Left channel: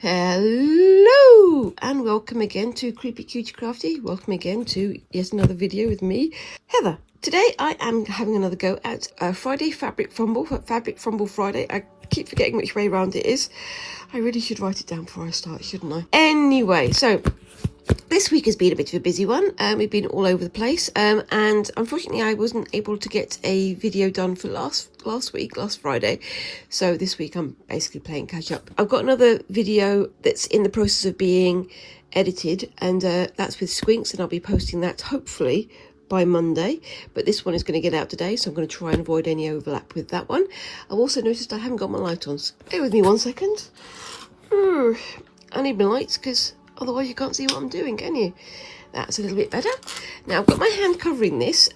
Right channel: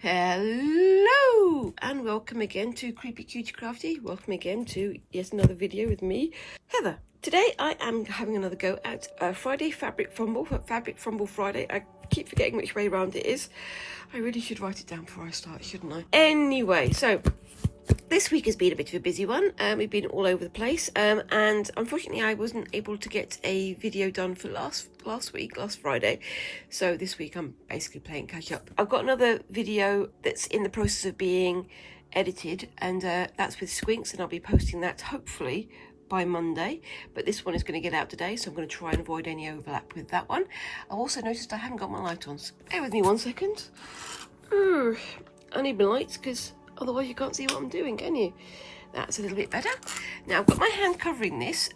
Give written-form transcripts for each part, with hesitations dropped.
Hello and welcome again to Creepy Cutie Crafty. Welcome again to yet another video with me, Heather. Today I am having another go at Friday Fabric Fumble, Fabric Fumble Friday. I keep forgetting which way around it is. I really should write it down before I start, shouldn't I? Anyway, so this week has been a bit of a busy one. We've been all over the place, and unfortunately I wasn't able to get a video done for last Friday, so this week I'm basically playing catch up. I've got another video that's in the process of being edited, and that's with Squinks, and I'll be posting that hopefully by Monday, but this one is going to get out today, so I'm going to try and avoid any overlap with that one. I've also noticed I haven't got my light on, so bear with me 1 second. I need my lights because otherwise you can't see what I'm doing, can you? That's a little bit better. Now I've got my hand covering this.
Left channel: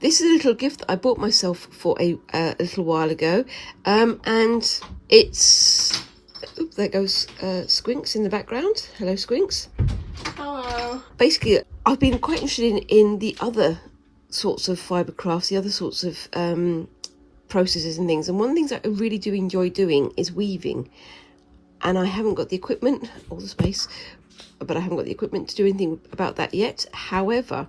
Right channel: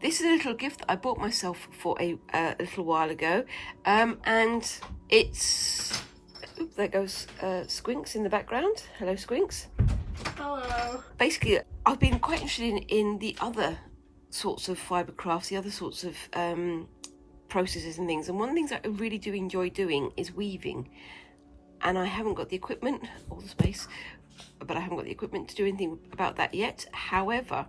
This is a little gift that I bought myself for a little while ago, and it's, oops, there goes Squinks in the background. Hello, Squinks. Hello. Basically, I've been quite interested in the other sorts of fibre crafts, the other sorts of processes and things, and one of the things that I really do enjoy doing is weaving. And I haven't got the equipment or the space, but I haven't got the equipment to do anything about that yet. However,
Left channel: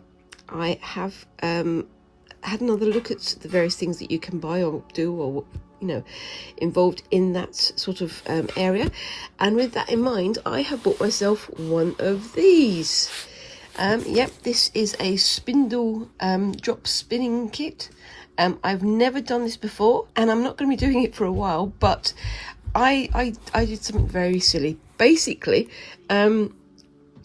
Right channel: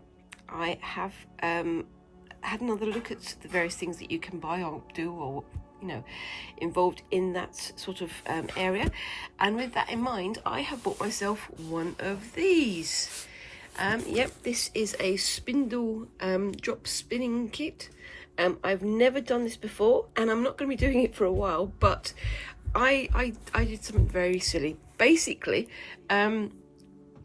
I have had another look at the various things that you can buy or do, or involved in that sort of area. And with that in mind, I have bought myself one of these. Yep, this is a spindle drop spinning kit. I've never done this before, and I'm not going to be doing it for a while, but I did something very silly. Basically, I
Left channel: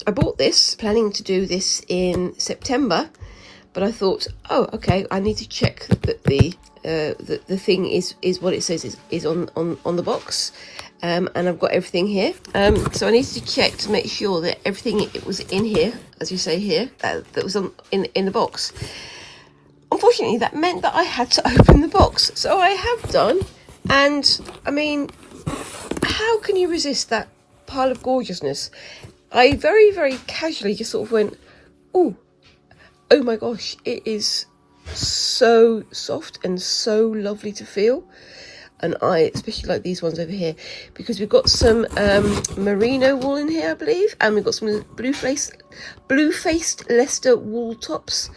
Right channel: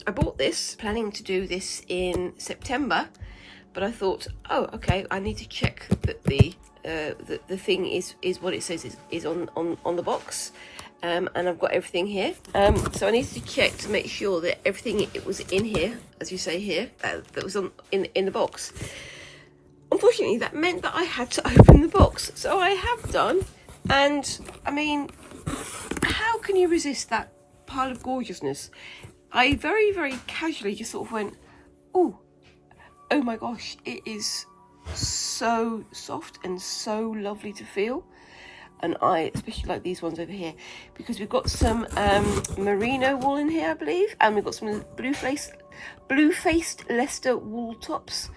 bought this planning to do this in September, but I thought, oh, okay, I need to check that the thing is what it says is on the box, and I've got everything here. So I needed to check to make sure that everything it was in here, as you say here, that was in the box. Unfortunately, that meant that I had to open the box, so I have done, and I mean, how can you resist that pile of gorgeousness? I very, very casually just sort of went, oh my gosh, it is so soft and so lovely to feel. And I especially like these ones over here because we've got some merino wool in here, I believe, and we've got some blue-faced Leicester wool tops,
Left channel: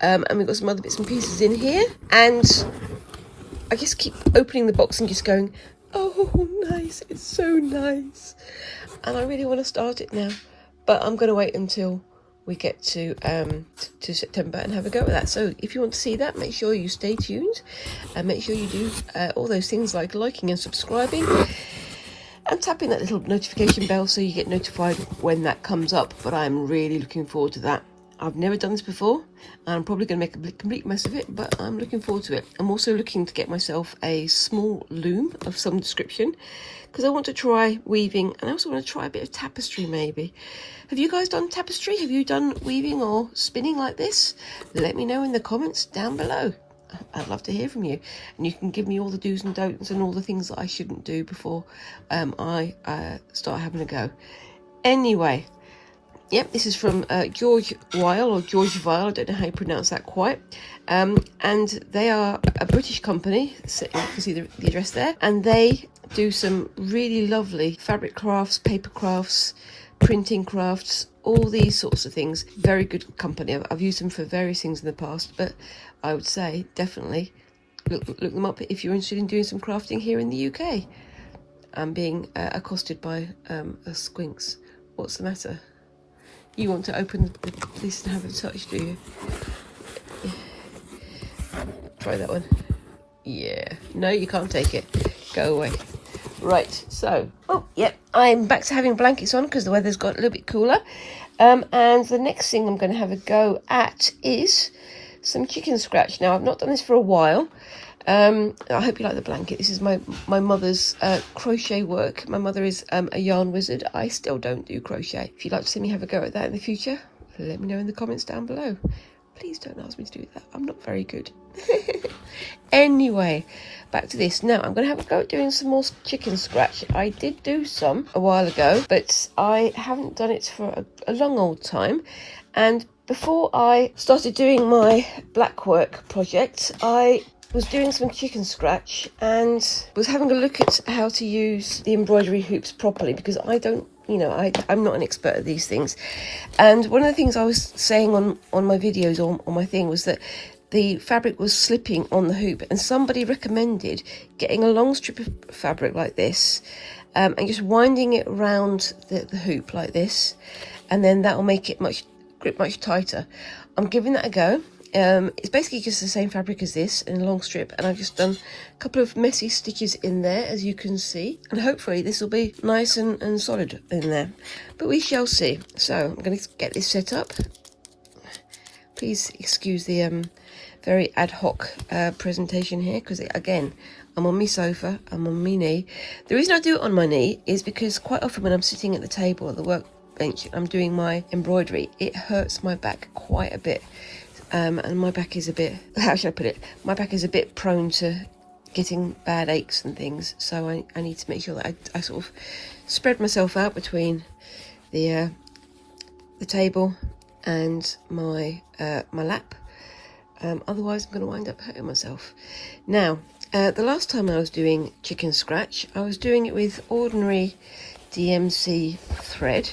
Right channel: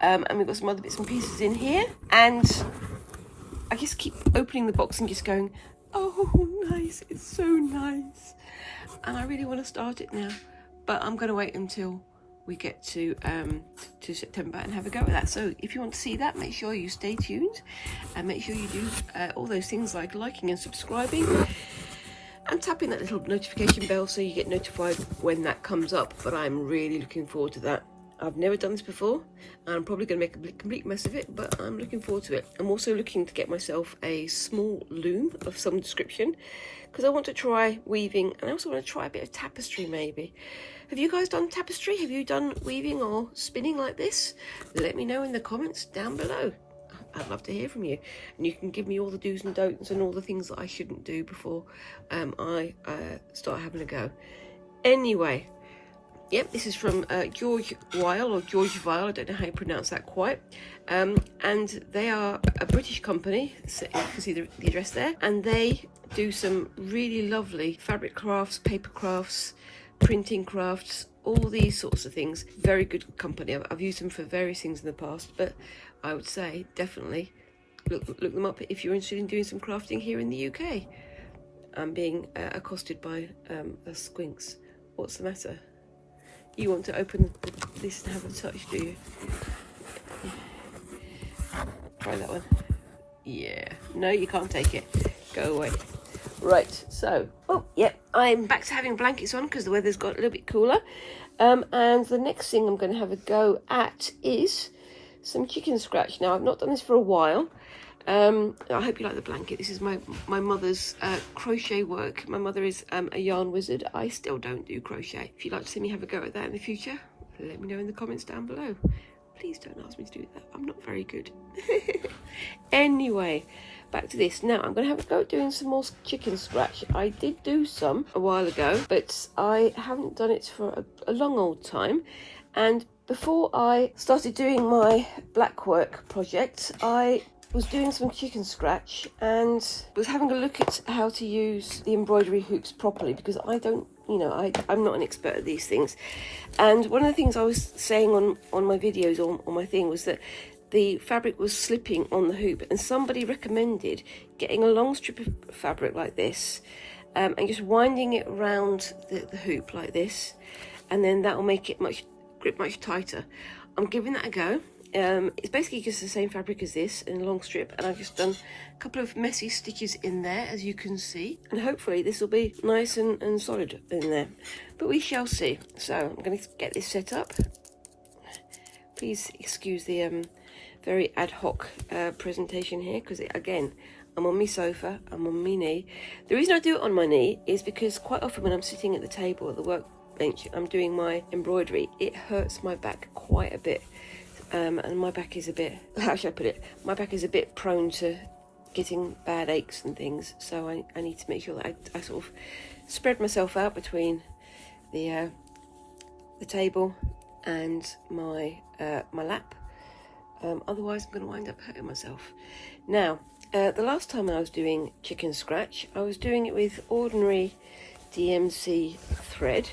and we've got some other bits and pieces in here. And I just keep opening the box and just going, oh, nice, it's so nice. And I really want to start it now, but I'm going to wait until we get to September and have a go at that. So if you want to see that, make sure you stay tuned, and make sure you do all those things like liking and subscribing and tapping that little notification bell so you get notified when that comes up. But I'm really looking forward to that. I've never done this before. I'm probably going to make a complete mess of it, but I'm looking forward to it. I'm also looking to get myself a small loom of some description because I want to try weaving, and I also want to try a bit of tapestry maybe. Have you guys done tapestry? Have you done weaving or spinning like this? Let me know in the comments down below. I'd love to hear from you, and you can give me all the do's and don'ts and all the things that I shouldn't do before I start having a go. Anyway, yep, this is from George Weil, or George Weil, I don't know how you pronounce that quite. And they are a British company, so you can see the address there, and they do some really lovely fabric crafts, paper crafts, printing crafts, all these sorts of things. Very good company. I've used them for various things in the past, but I would say definitely look them up if you're interested in doing some crafting here in the UK. I'm being accosted by a Squinks. What's the matter? You want to open this and have a touch, do you? Try that one. Yeah. No, you can't take it. Go away. Right, so, oh, yep, I'm back to having blankets on because the weather's got a little bit cooler. And the next thing I'm going to have a go at is some chicken scratch. Now, I've not done this for a while. I hope you like the blanket. This is my mother's crochet work. My mother is a yarn wizard. I still don't do crochet. If you'd like to see me have a go at that in the future, let me know in the comments down below. Please don't ask me to do that. I'm not very good. Anyway, back to this. Now, I'm going to have a go at doing some more chicken scratch. I did do some a while ago, but I haven't done it for a long old time. And before I started doing my blackwork project, I was doing some chicken scratch and was having a look at how to use the embroidery hoops properly, because I don't, you know, I'm not an expert at these things. And one of the things I was saying on my videos, on my thing, was that the fabric was slipping on the hoop, and somebody recommended getting a long strip of fabric like this and just winding it around the hoop like this, and then that will make it grip much tighter. I'm giving that a go. It's basically just the same fabric as this in a long strip, and I've just done a couple of messy stitches in there, as you can see, and hopefully this will be nice and solid in there, but we shall see. So I'm going to get this set up. Please excuse the very ad hoc presentation here, because again, I'm on my sofa, I'm on my knee. The reason I do it on my knee is because quite often when I'm sitting at the table or the workbench, I'm doing my embroidery, it hurts my back quite a bit. And my back is a bit, how should I put it? My back is a bit prone to getting bad aches and things. So I need to make sure that I sort of spread myself out between the table and my lap. Otherwise I'm going to wind up hurting myself. Now, the last time I was doing chicken scratch, I was doing it with ordinary DMC thread.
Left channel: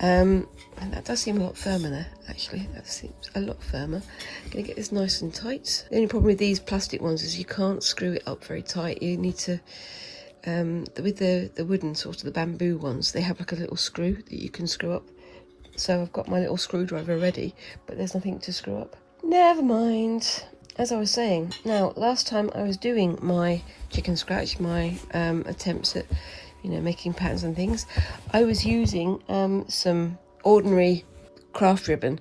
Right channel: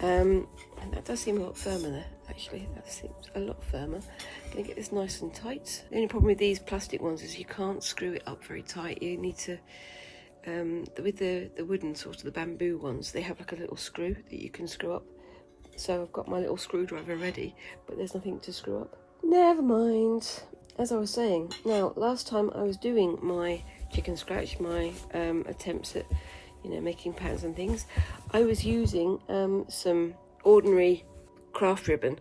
And that does seem a lot firmer there, actually. That seems a lot firmer. I'm going to get this nice and tight. The only problem with these plastic ones is you can't screw it up very tight. You need to, with the wooden sort of the bamboo ones, they have like a little screw that you can screw up. So I've got my little screwdriver ready, but there's nothing to screw up. Never mind. As I was saying, now last time I was doing my chicken scratch, my attempts at, you know, making patterns and things, I was using some ordinary craft ribbon,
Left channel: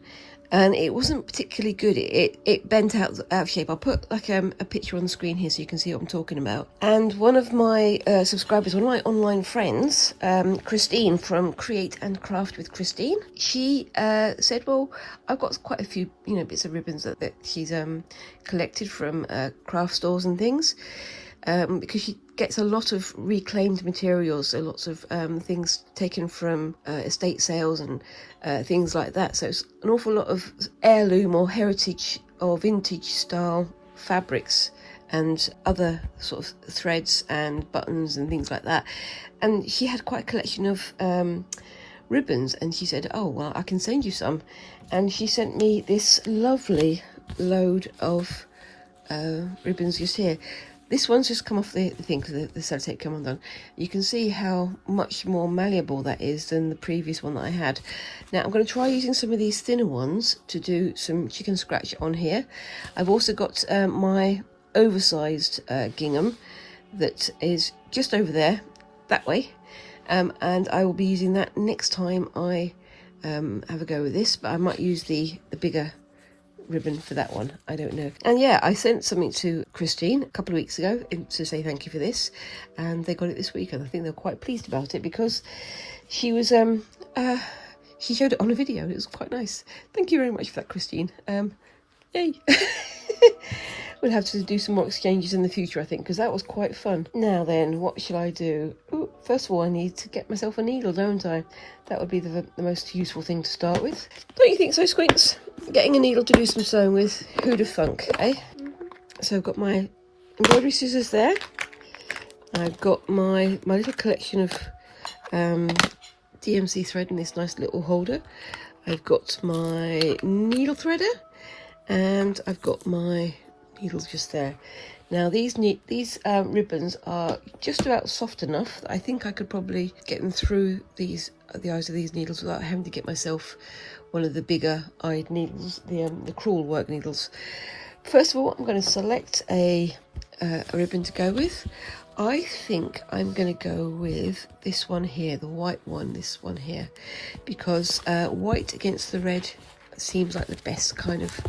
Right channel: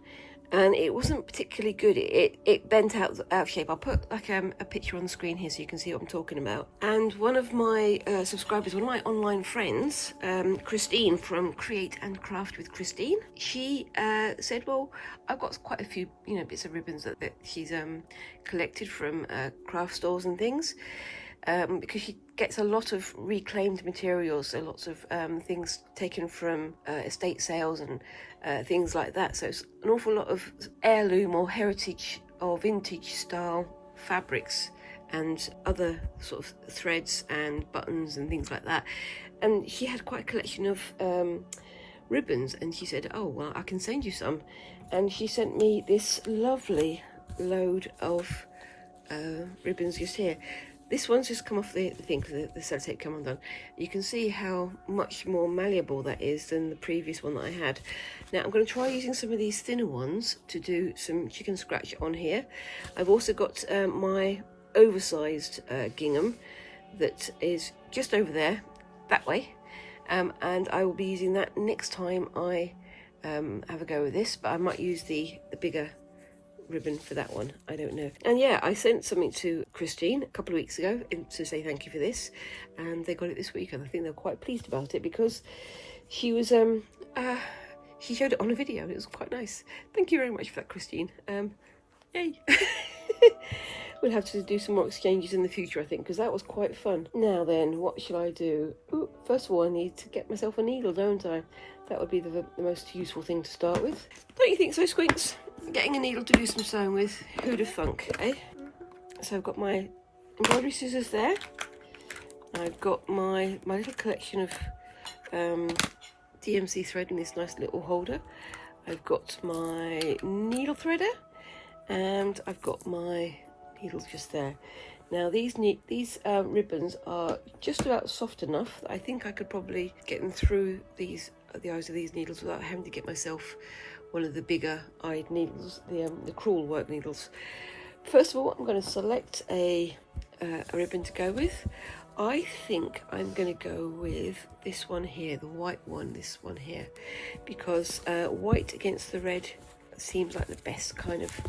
and it wasn't particularly good. It bent out of shape. I'll put like a picture on the screen here so you can see what I'm talking about. And one of my subscribers, one of my online friends, Christine from Create and Craft with Christine, she said, well, I've got quite a few, you know, bits of ribbons that she's collected from craft stores and things, because she gets a lot of reclaimed materials, so lots of things taken from estate sales and things like that. So it's an awful lot of heirloom or heritage or vintage style fabrics and other sort of threads and buttons and things like that. And she had quite a collection of ribbons, and she said, oh, well, I can send you some. And she sent me this lovely load of ribbons just here. This one's just come off the thing, because the sellotape came undone. You can see how much more malleable that is than the previous one that I had. Now I'm going to try using some of these thinner ones to do some chicken scratch on here. I've also got my oversized gingham that is just over there, that way. And I will be using that next time I have a go with this, but I might use the bigger ribbon for that one, I don't know. And yeah, I sent something to Christine a couple of weeks ago to say thank you for this, and they got it this week, and I think they're quite pleased about it, because she was she showed it on a video, and it was quite nice. Thank you very much for that, Christine. Yay. We'll have to do some more exchanges in the future, I think, because that was quite fun. Now then, what shall I do? Ooh, first of all, I need to get myself a needle, don't I? That would be the most useful thing to start with. Don't you think so, Squinks? Getting a needle to do some sewing with, who'd have thunk, eh? So I've got my embroidery scissors there. I've got my little collection of DMC thread in this nice little holder. I've got my needle threader, and I've got my needles just there. Now these ribbons are just about soft enough that I think I could probably get them through the eyes of these needles without having to get myself one of the bigger eyed needles, the cruel work needles. First of all, I'm going to select a ribbon to go with. I think I'm going to go with this one here, the white one, this one here, because white against the red seems like the best kind of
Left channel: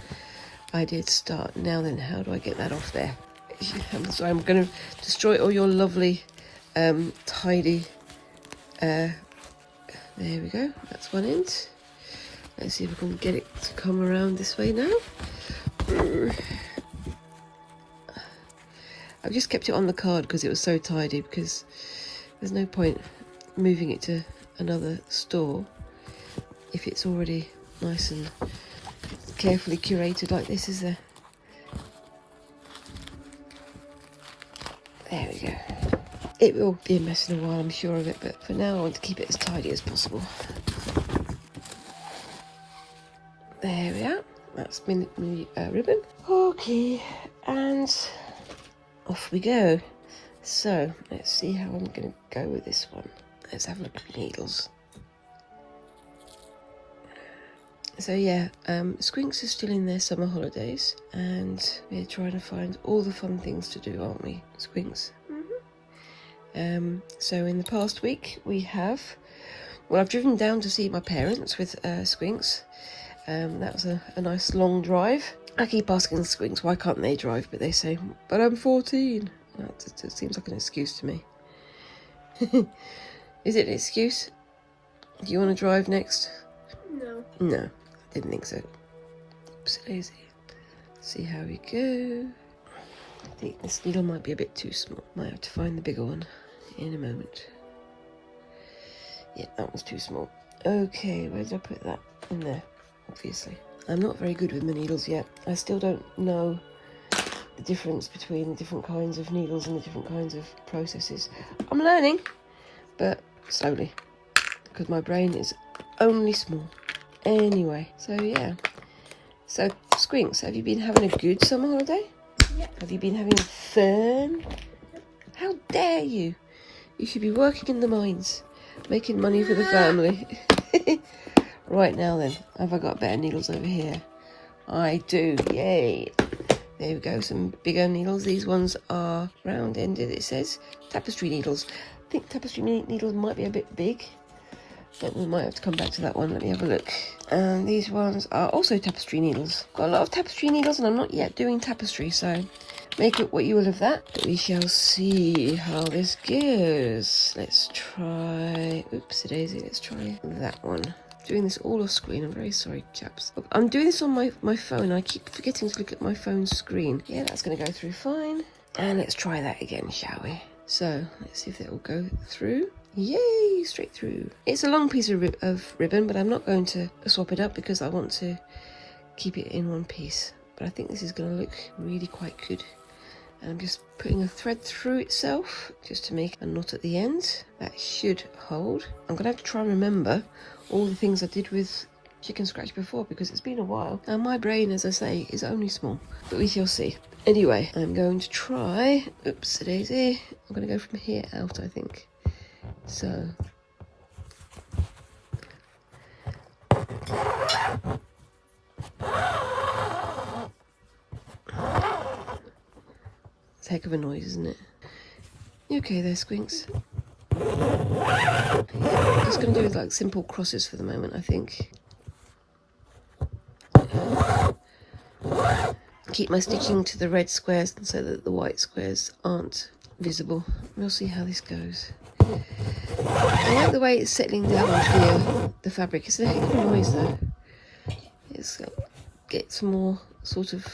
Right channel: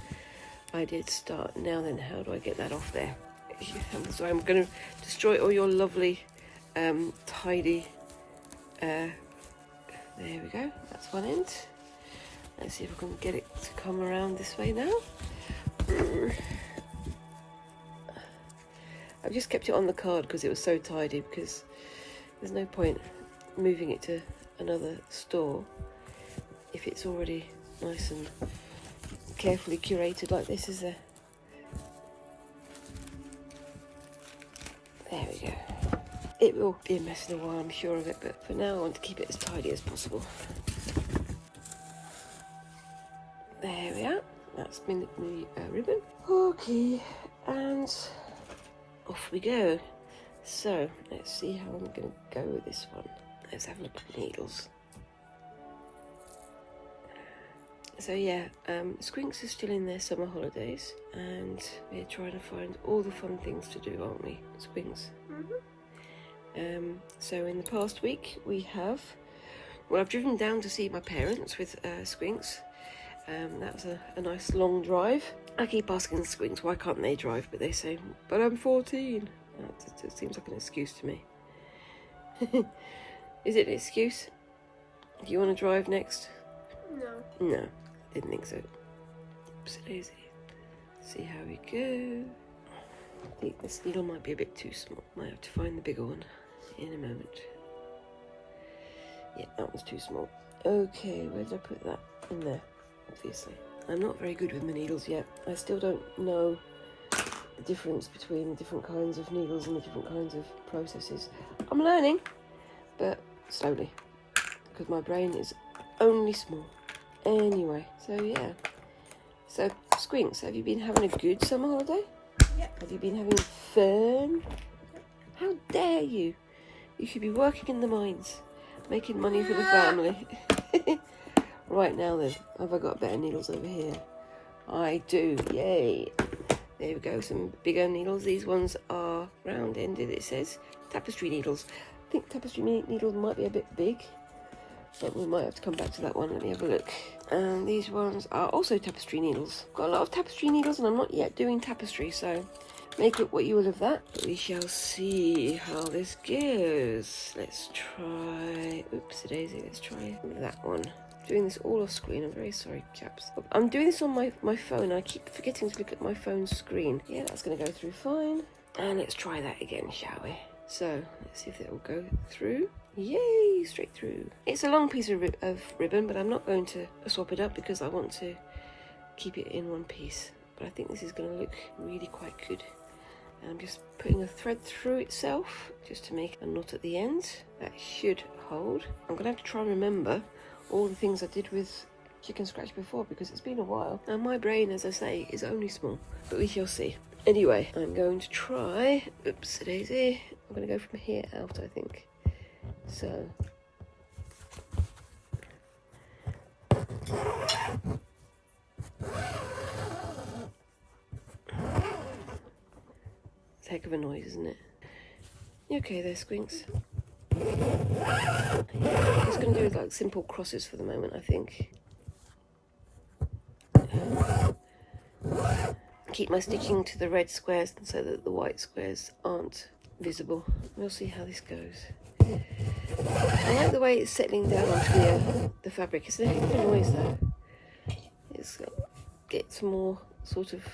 idea to start. Now then, how do I get that off there? So I'm going to destroy all your lovely tidy, there we go, that's one end. Let's see if we can get it to come around this way now. I've just kept it on the card because it was so tidy, because there's no point moving it to another store if it's already nice and carefully curated like this, is there? It will be a mess in a while, I'm sure of it, but for now I want to keep it as tidy as possible. There we are. That's my ribbon. Okay, and off we go. So let's see how I'm going to go with this one. Let's have a look at the needles. So yeah, Squinks are still in their summer holidays, and we're trying to find all the fun things to do, aren't we, Squinks? So in the past week we have, well, I've driven down to see my parents with Squinks. That was a nice long drive. I keep asking Squinks why can't they drive, but they say, but I'm 14. That seems like an excuse to me. Is it an excuse? Do you want to drive next? No. No, didn't think so. Oops, lazy. See how we go. I think this needle might be a bit too small. Might have to find the bigger one in a moment. Yeah, that one's too small. Okay, where did I put that? In there, obviously. I'm not very good with the needles yet. I still don't know the difference between the different kinds of needles and the different kinds of processes. I'm learning, but slowly, because my brain is only small. Anyway, so yeah. So, Squinks, have you been having a good summer holiday? Yeah. Have you been having fun? How dare you? You should be working in the mines, making money for the family. Right now then, have I got better needles over here? I do, yay. There we go, some bigger needles. These ones are round-ended, it says. Tapestry needles. I think tapestry needles might be a bit big, but we might have to come back to that one. Let me have a look. And these ones are also tapestry needles. Got a lot of tapestry needles and I'm not yet doing tapestry, so make it what you will of that. We shall see how this goes. Let's try, oopsie daisy, let's try that one. Doing this all off screen, I'm very sorry, chaps. I'm doing this on my phone, I keep forgetting to look at my phone screen. Yeah, that's gonna go through fine. And let's try that again, shall we? So, let's see if that will go through. Yay, straight through. It's a long piece of ribbon, but I'm not going to swap it up because I want to keep it in one piece. But I think this is going to look really quite good. And I'm just putting a thread through itself just to make a knot at the end. That should hold. I'm going to have to try and remember all the things I did with chicken scratch before because it's been a while. And my brain, as I say, is only small. But we shall see. Anyway, I'm going to try, oops daisy, I'm going to go from here out, I think. So, it's a heck of a noise, isn't it? You okay there, Squinks? I'm just going to do like simple crosses for the moment, I think. Keep my stitching to the red squares so that the white squares aren't visible. We'll see how this goes. I like the way it's settling down the fabric. It's a heck of a noise though. It's gets more sort of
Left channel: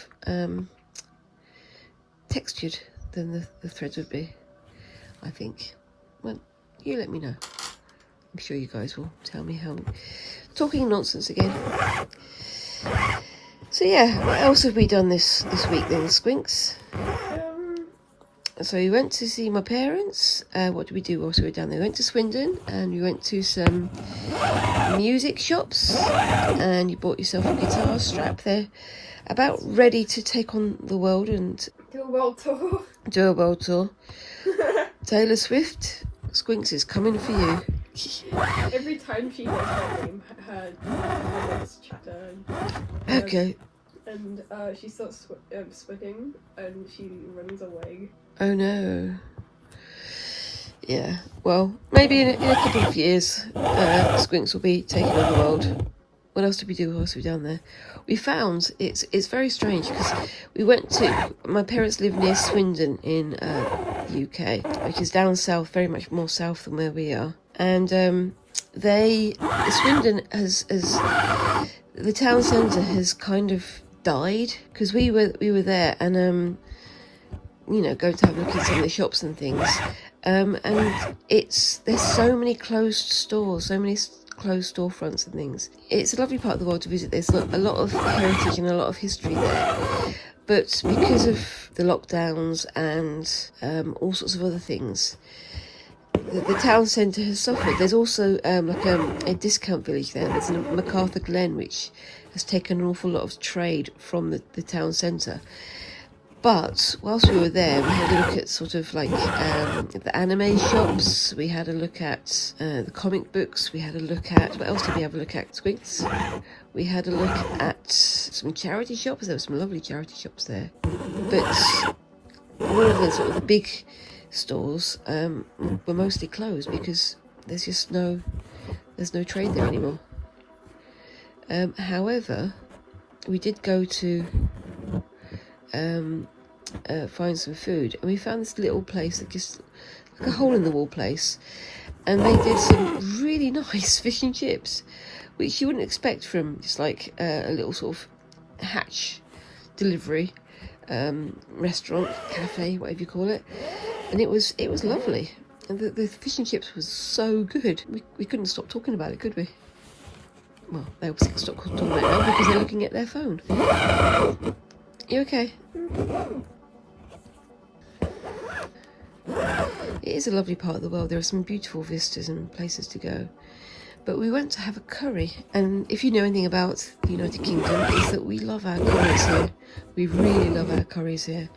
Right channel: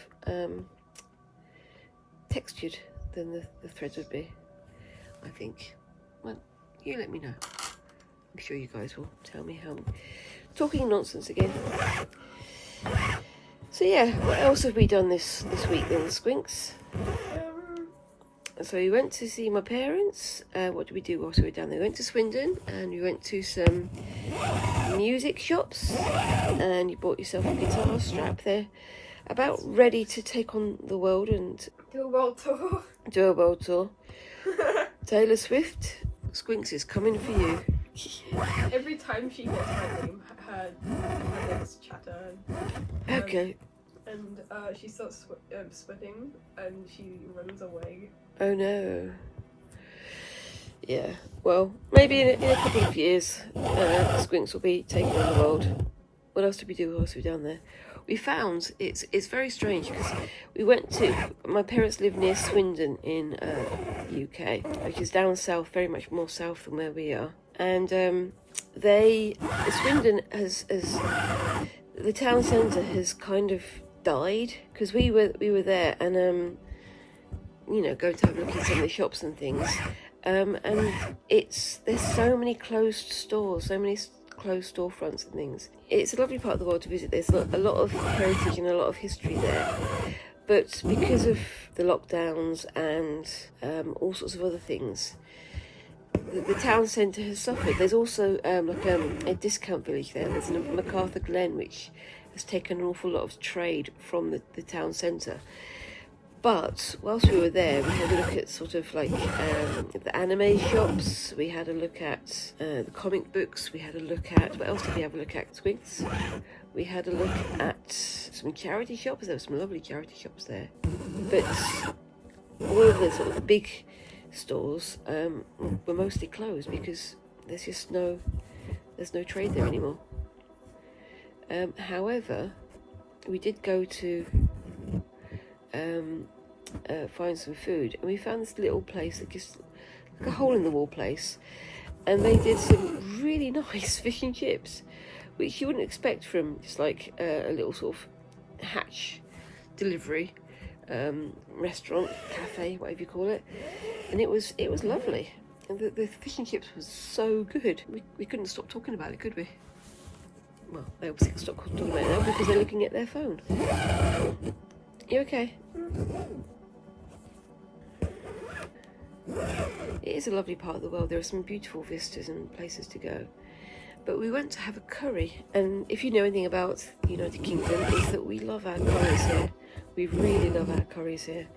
textured than the threads would be, I think. Well, you let me know. I'm sure you guys will tell me how. Talking nonsense again. So yeah, what else have we done this week then, Squinks? So we went to see my parents. What did we do whilst we were down there? We went to Swindon and we went to some music shops and you bought yourself a guitar strap there. About ready to take on the world and Do a world tour. do a world tour. Taylor Swift, Squinks is coming for you. Every time she gets her name, her lips chatter. Okay. And she starts sweating and she runs away. Oh no. Yeah, well, maybe in a couple of years, Squinks will be taking on the world. What else did we do whilst we were down there? We found, it's very strange, because we went to, my parents live near Swindon in UK, which is down south, very much more south than where we are. And Swindon has, the town centre has kind of died, because we were there, and you know, going to have a look at some of the shops and things. And there's so many closed stores, so many closed storefronts and things. It's a lovely part of the world to visit. There's a lot of heritage and a lot of history there. But because of the lockdowns and all sorts of other things, the town centre has suffered. There's also like a discount village there. There's MacArthur Glen, which has taken an awful lot of trade from the town centre. But whilst we were there, we had a look at sort of like the anime shops. We had a look at the comic books. We had a look at, what else did we have a look at? Squinks. We had a look at some charity shops. There were some lovely charity shops there. But all of the sort of the big stores were mostly closed because there's no trade there anymore. However, we did go to find some food, and we found this little place, just like a hole in the wall place, and they did some really nice fish and chips, which you wouldn't expect from just like a little sort of hatch delivery restaurant, cafe, whatever you call it. And it was lovely, and the fish and chips was so good. We couldn't stop talking about it, could we? Well, they obviously couldn't stop talking about it because they're looking at their phone. You okay? It is a lovely part of the world. There are some beautiful vistas and places to go. But we went to have a curry, and if you know anything about the United Kingdom, it's that we love our curries here. We really love our curries here.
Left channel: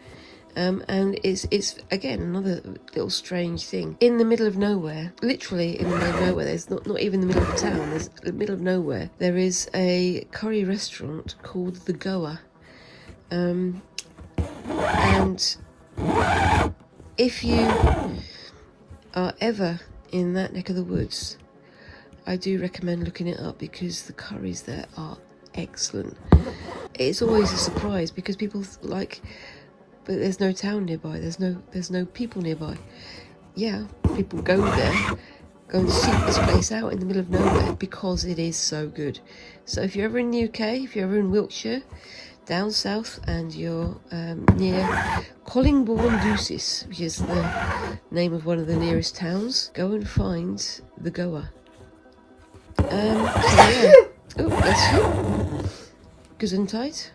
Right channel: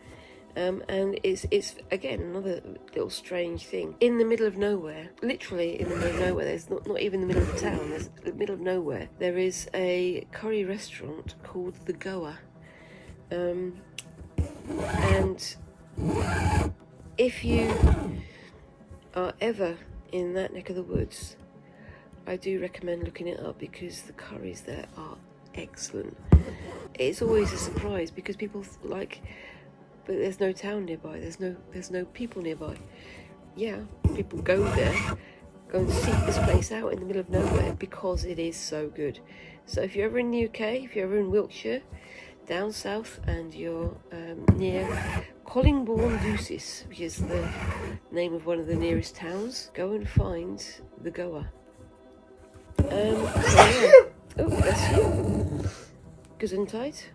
And it's again another little strange thing. In the middle of nowhere, literally in the middle of nowhere, there's not even the middle of town, there's the middle of nowhere, there is a curry restaurant called The Goa. And if you are ever in that neck of the woods, I do recommend looking it up because the curries there are excellent. It's always a surprise because people like, but there's no town nearby, there's no people nearby. Yeah, people go there, go and seek this place out in the middle of nowhere because it is so good. So if you're ever in the UK, if you're ever in Wiltshire, down south, and you're near Collingbourne-Deuces, which is the name of one of the nearest towns, go and find The Goa. Oh, that's Gesundheit,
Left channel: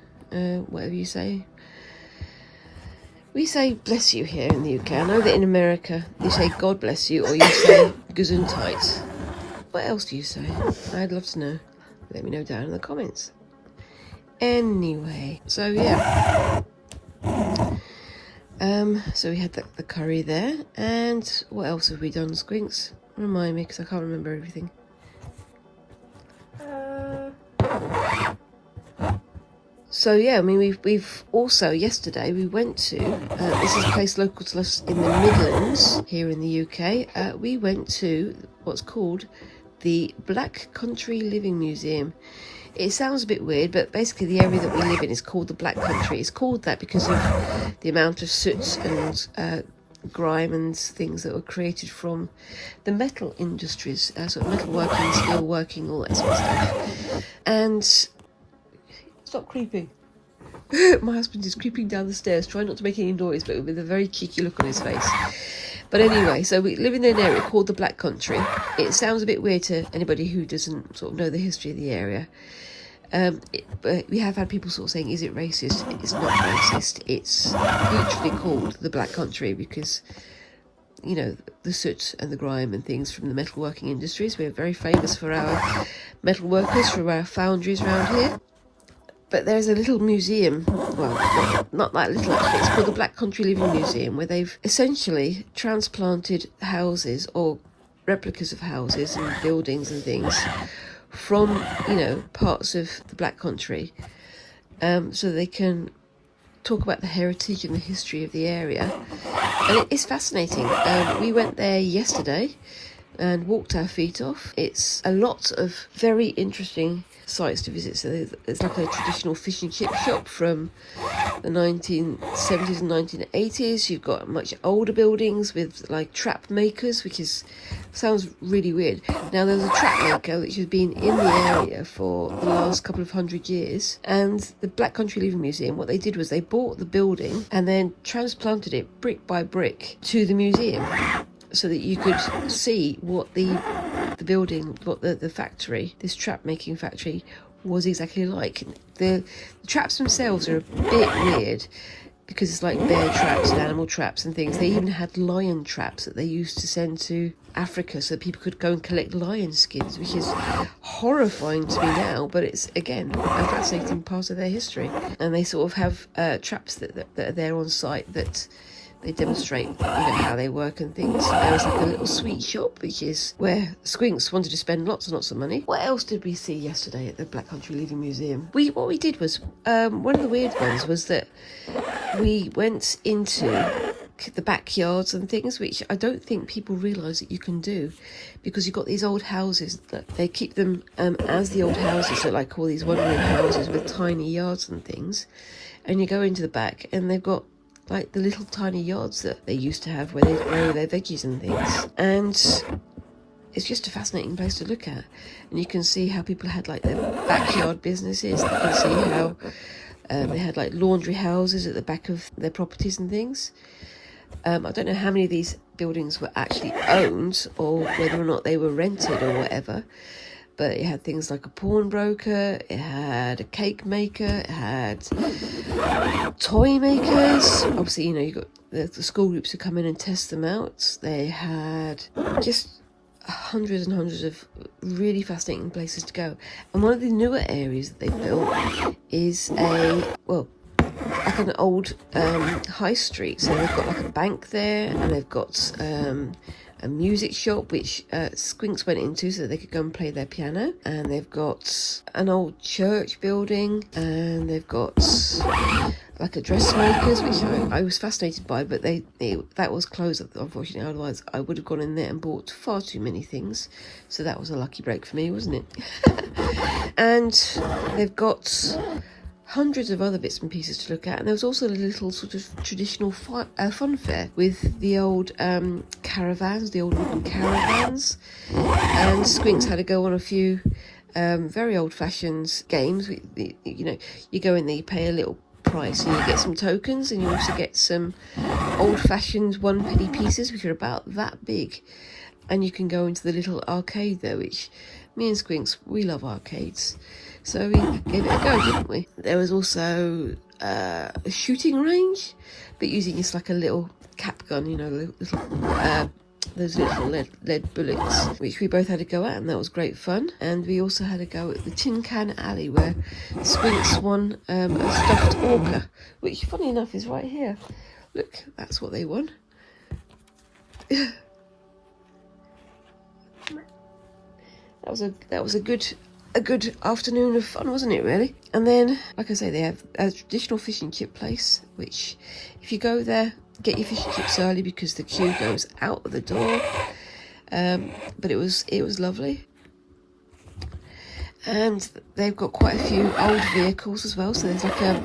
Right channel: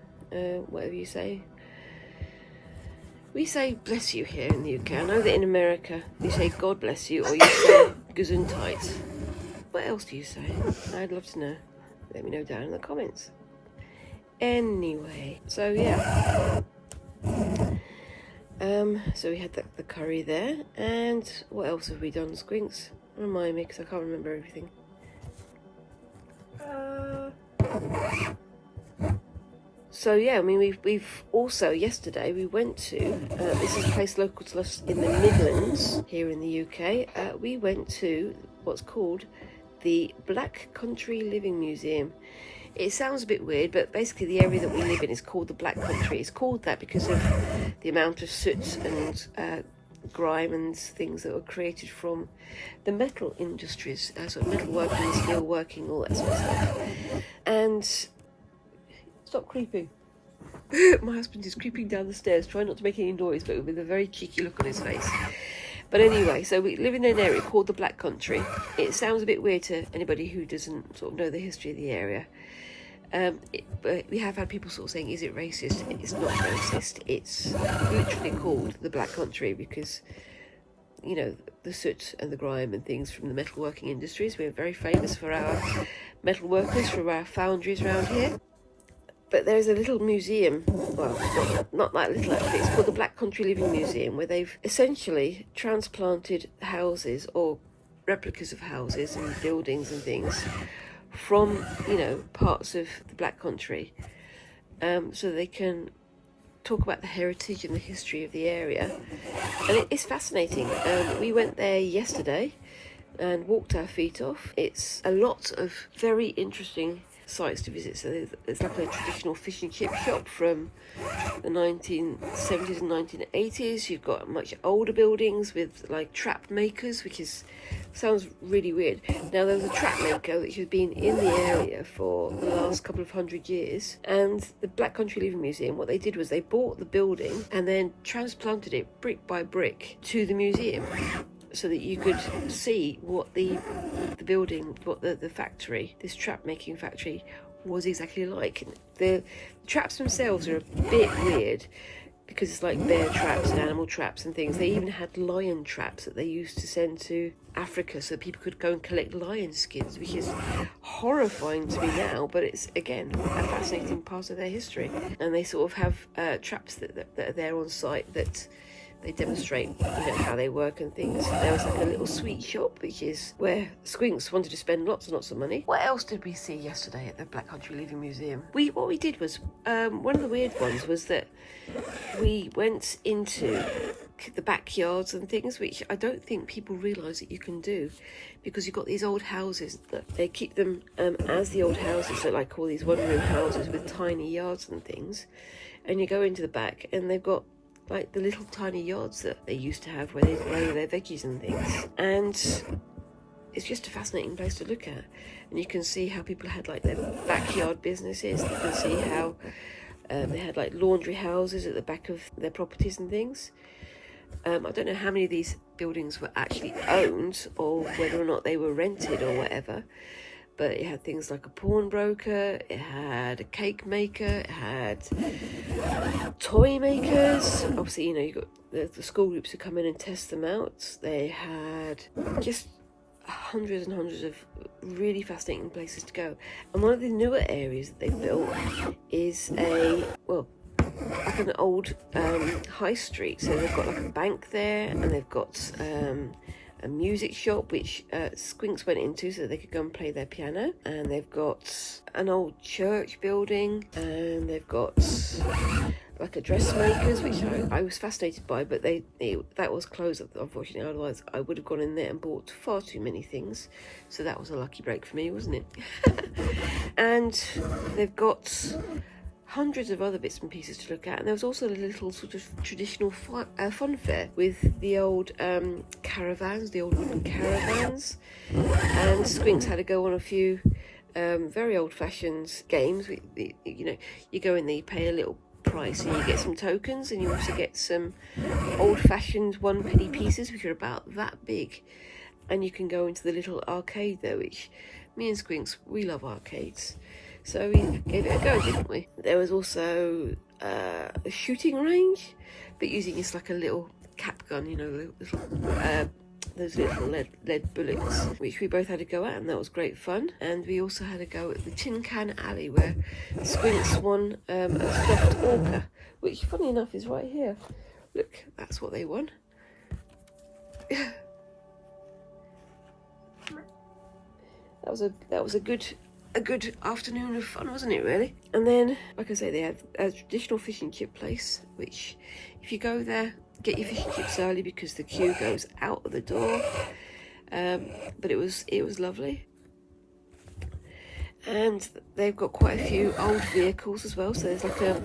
whatever you say. We say bless you here in the UK. I know that in America you say God bless you, or you say Gesundheit. What else do you say? I'd love to know. Let me know down in the comments. Anyway, so yeah. So we had the curry there, and what else have we done, Squinks? Remind me, because I can't remember everything. So yeah, I mean, we've also, yesterday we went to, this is a place local to us in the Midlands, here in the UK. We went to what's called the Black Country Living Museum. It sounds a bit weird, but basically the area that we live in is called the Black Country. It's called that because of the amount of soot and grime and things that were created from the metal industries, sort of metalworking, steel working, all that sort of stuff. And stop creeping. My husband is creeping down the stairs, trying not to make any noise, but with a very cheeky look on his face. But anyway, so we live in an area called the Black Country. It sounds a bit weird to anybody who doesn't sort of know the history of the area. But we have had people sort of saying, is it racist? It's not racist. It's literally called the Black Country because, you know, the soot and the grime and things from the metalworking industries. We're very famous for our metal workers, for our foundries around here. But there's a little museum, well, not that little, it's called the Black Country Living Museum, where they've essentially transplanted houses or replicas of houses and buildings and things from, you know, parts of the Black Country, so they can talk about the heritage and the history of the area. And it's fascinating. We went there yesterday and walked our feet off. It's a lot of very interesting sites to visit. So there's like a traditional fish and chip shop from the 1970s and 1980s. You've got much older buildings with like trap makers, which sounds really weird. Now there's a trap maker which has been in the area for the last couple of 100 years, and the Black Country Living Museum, what they did was they bought the building and then transplanted it brick by brick to the museum, so that you could see what the building, what the factory, this trap making factory, was exactly like. The traps themselves are a bit weird, because it's like bear traps, animal traps and things. They even had lion traps that they used to send to Africa so that people could go and collect lion skins, which is horrifying to me now, but it's, again, a fascinating part of their history. And they sort of have traps that are there on site that they demonstrate how they work and things. So there's like a little sweet shop, which is where Squinks wanted to spend lots and lots of money. What else did we see yesterday at the Black Country Living Museum? What we did was, one of the weird ones was that we went into the backyards and things, which I don't think people realise that you can do, because you've got these old houses that they keep them as the old houses, so like all these one-room houses with tiny yards and things, and you go into the back and they've got like the little tiny yards that they used to have where they grow their veggies and things. And it's just a fascinating place to look at. And you can see how people had like their backyard businesses. You can see how they had like laundry houses at the back of their properties and things. I don't know how many of these buildings were actually owned or whether or not they were rented or whatever. But it had things like a pawnbroker, it had a cake maker, it had toy makers. Obviously, you know, you got the school groups to come in and test them out. They had just hundreds and hundreds of really fascinating places to go. And one of the newer areas that they built is like an old high street. So they've got like a bank there, and they've got a music shop which Squinks went into so that they could go and play their piano, and they've got an old church building, and they've got like a dressmakers, which I was fascinated by, but that was closed unfortunately. Otherwise I would have gone in there and bought far too many things, so that was a lucky break for me, wasn't it? And they've got hundreds of other bits and pieces to look at, and there was also a little sort of traditional fun fair with the old caravans, the old wooden caravans, and Squinks had to go on a few very old-fashioned games. You know, you go in there, you pay a little price, and you get some tokens, and you also get some old-fashioned one-penny pieces, which are about that big, and you can go into the little arcade there, which me and Squinks, we love arcades. So we gave it a go, didn't we? There was also a shooting range, but using this like a little cap gun, you know, those little lead bullets, which we both had a go at, and that was great fun. And we also had a go at the Tin Can Alley, where Squinks won a stuffed orca, which, funny enough, is right here. Look, that's what they won. That was a good afternoon of fun, wasn't it, really? And then, like I say, they have a traditional fish and chip place, which if you go there, get your fish and chips early because the queue goes out of the door. But it was lovely. And they've got quite a few old vehicles as well. So there's like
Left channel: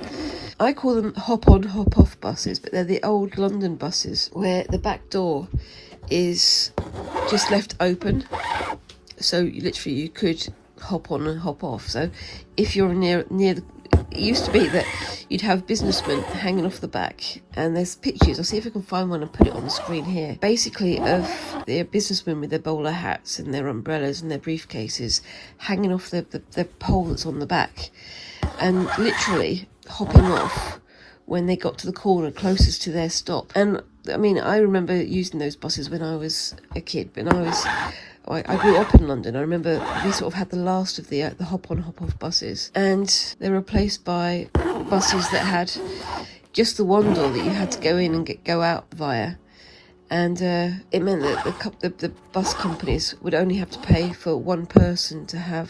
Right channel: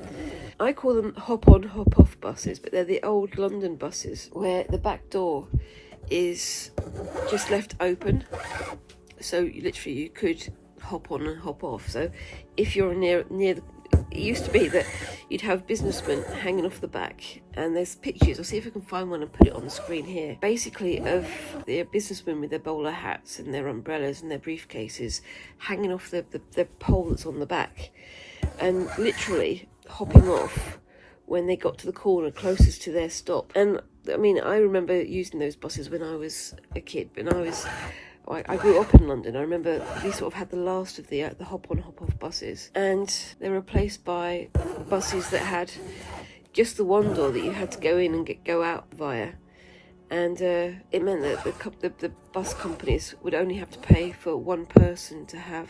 I call them hop-on, hop-off buses, but they're the old London buses where the back door is just left open. So you could hop on and hop off. So if you're near the, it used to be that you'd have businessmen hanging off the back, and there's pictures, I'll see if I can find one and put it on the screen here, basically of the businessmen with their bowler hats and their umbrellas and their briefcases hanging off the pole that's on the back, and literally hopping off when they got to the corner closest to their stop. And I mean, I remember using those buses when I was a kid, but I grew up in London. I remember we sort of had the last of the hop-on, hop-off buses, and they were replaced by buses that had just the one door that you had to go in and go out via, and it meant that the bus companies would only have to pay for one person to have